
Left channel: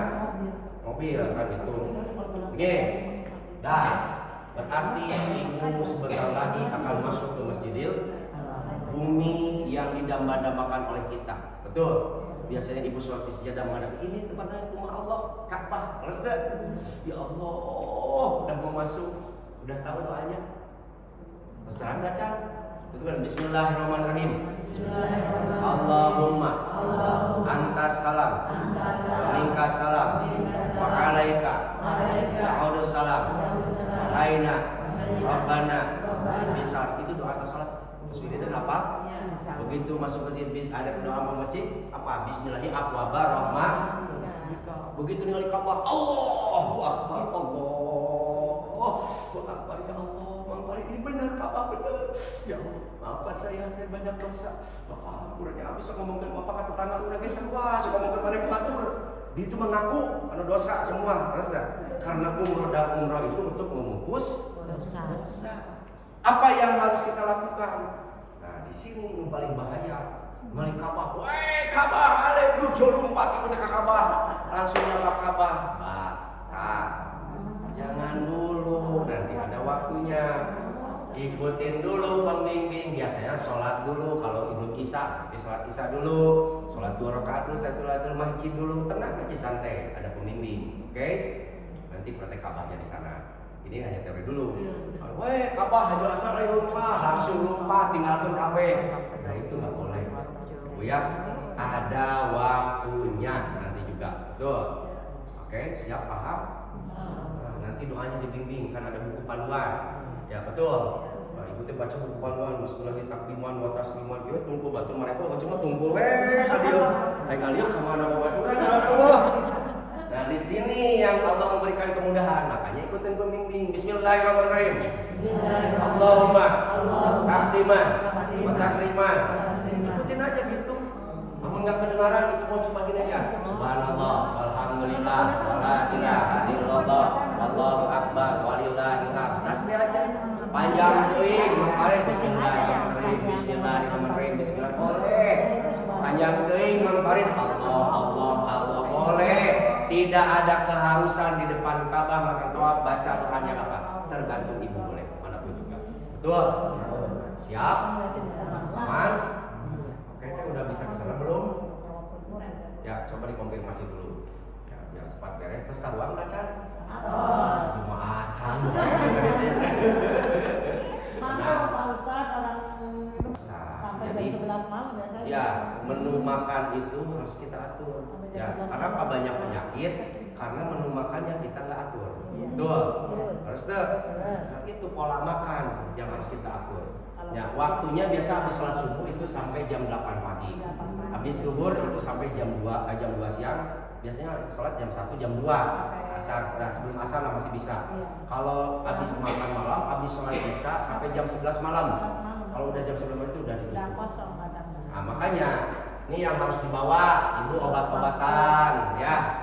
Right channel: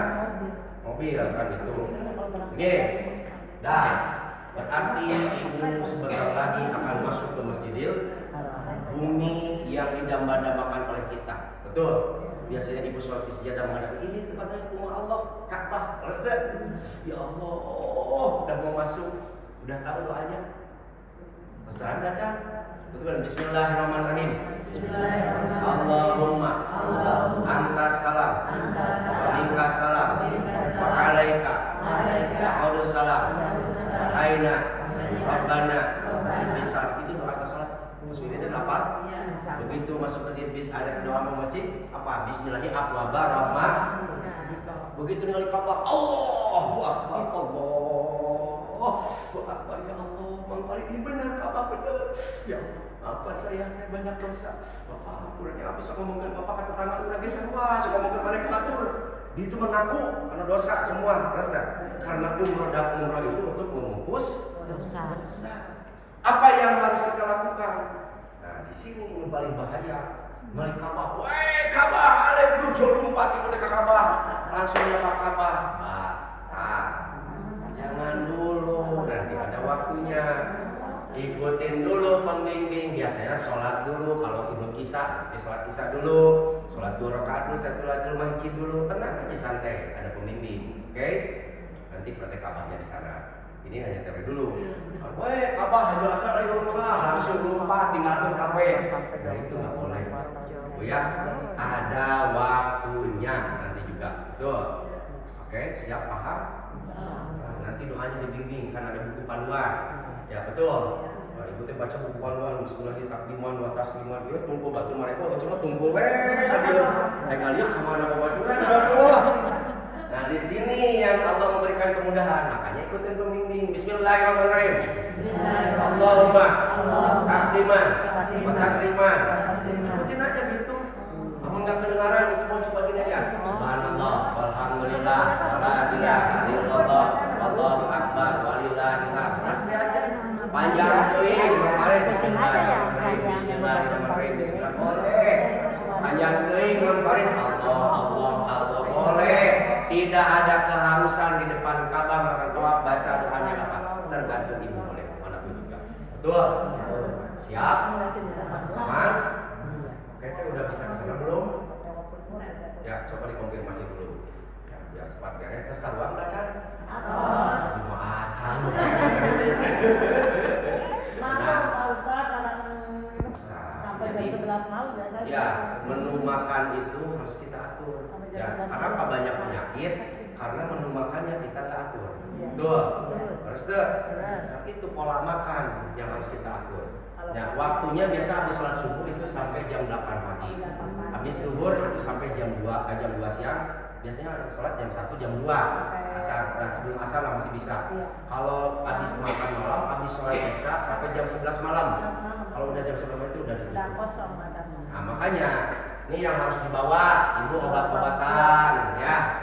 Mobil kan itu. Oke. Dah. Berarti ibu sebentar lagi akan masuk ke Masjidil bumi yang didamba-dambakan oleh kita. Betul. Biasanya ibu sholat di sejadah menghadap ini tempatnya rumah Allah, Ka'bah. Terus ya Allah, udah mau masuk, udah tahu doanya. Pastikan baca. Betul kan? Bismillahirrahmanirrahim. Allahumma antas salam wa minkas salam wa alaika ya'udu salam wa aina rabbana bisar. Itu doa ke salat. Maksudnya dan apa? Begitu masuk masjid ada doa mau masjid apa? Bismillahirrahmanirrahim abwaba rahmah. Begitu ningali Ka'bah, Allahu Akbar, Allahu Akbar, ya Allah, Mang Farid ini benar, Ka'bah benar. Ya Allah, maafkan saya banyak dosa. Bapak, kurangnya bisa ngomongin Bapak ke tetangga udah geus sarua, sok ngomongin mana batur. Di itu mengaku karena dosa semua, terus dah. Karena umroh itu untuk memupus dosa. Apa yang harus kita lakukan? Nah, di sini yang paling bahaya. Ngali Ka'bah, weh Ka'bah, alek lu lompat ke Ka'bah, langsung nyapa Ka'bah. Batal. Jangan dulu, nanti ada waktunya. Ikutin dulu pembimbing. Biasanya sholat dulu, kalau belum isya, sholat isya dulu, sholat 2 rakaat dulu, Tahiyatul masjid dulu, tenang aja santai, ada pembimbing, oke? Nanti praktek Ka'bahnya di sana. Ini hanya teori dulu. Weh Ka'bah Hajar Aswad lagi rumah, langsung lompat tinggalkan kabeh. Nah itu nggak boleh. Bu ya, ada waktunya nanti juga. Betul. Oke, siap paham? Nah, nanti doanya dibimbing, kan ada buku panduan. Ya betul. Nah, ibu teh baca buku panduan, bismillahirrahmanirrahim wa tasliman. Ieu tunggu batu mereka cuma tunggu kadieu. Kalieu ka mana babaturan Allah. Nah, di sini yang Allah memberikan kemudahan, makanya ikutin pembimbing. Bismillahirrahmanirrahim. Allahumma takdiman wa tasliman. Ikutin aja gitu. Amun nggak kedengaran itu mau coba gini aja. Subhanallah, walhamdulillah, wala ilaha illallah, wallahu akbar, walillahil hamd. Tasbih aja. Panjang teuing, Mang Farid. Bismillahirrahmanirrahim, bismillahirrahmanirrahim, bismillah boleh. Panjang teuing, Mang Farid. Allah boleh. Tidak ada keharusan di depan Ka'bah melakukan tawaf baca doanya apa? Tergantung ibu boleh, manapun juga. Betul? Siap? Aman? Oke, kita udah bisa ke sana belum? Ya, coba dikonfirmasi dulu. Ya, biar cepat beres. Terus karuan tak Can? Semua acan. Nah, jadi ya menu makan itu harus kita atur. Ya, karena apa banyak penyakit karena menu makannya kita nggak atur. Betul. Harus tuh. Nah, itu pola makan yang harus kita atur. Ya, waktunya biasa habis sholat subuh itu sampai jam 8 pagi. Habis duhur itu sampai jam 2 siang. biasanya sholat jam 1, jam 2 asar, sebelum asar lah masih bisa. Kalau habis makan malam, habis sholat isya sampai jam 11 malam. Kalau udah jam 11 malam itu udah ditutup. kosong badannya. Nah makanya ini yang harus dibawa ibu obat-obatan ya.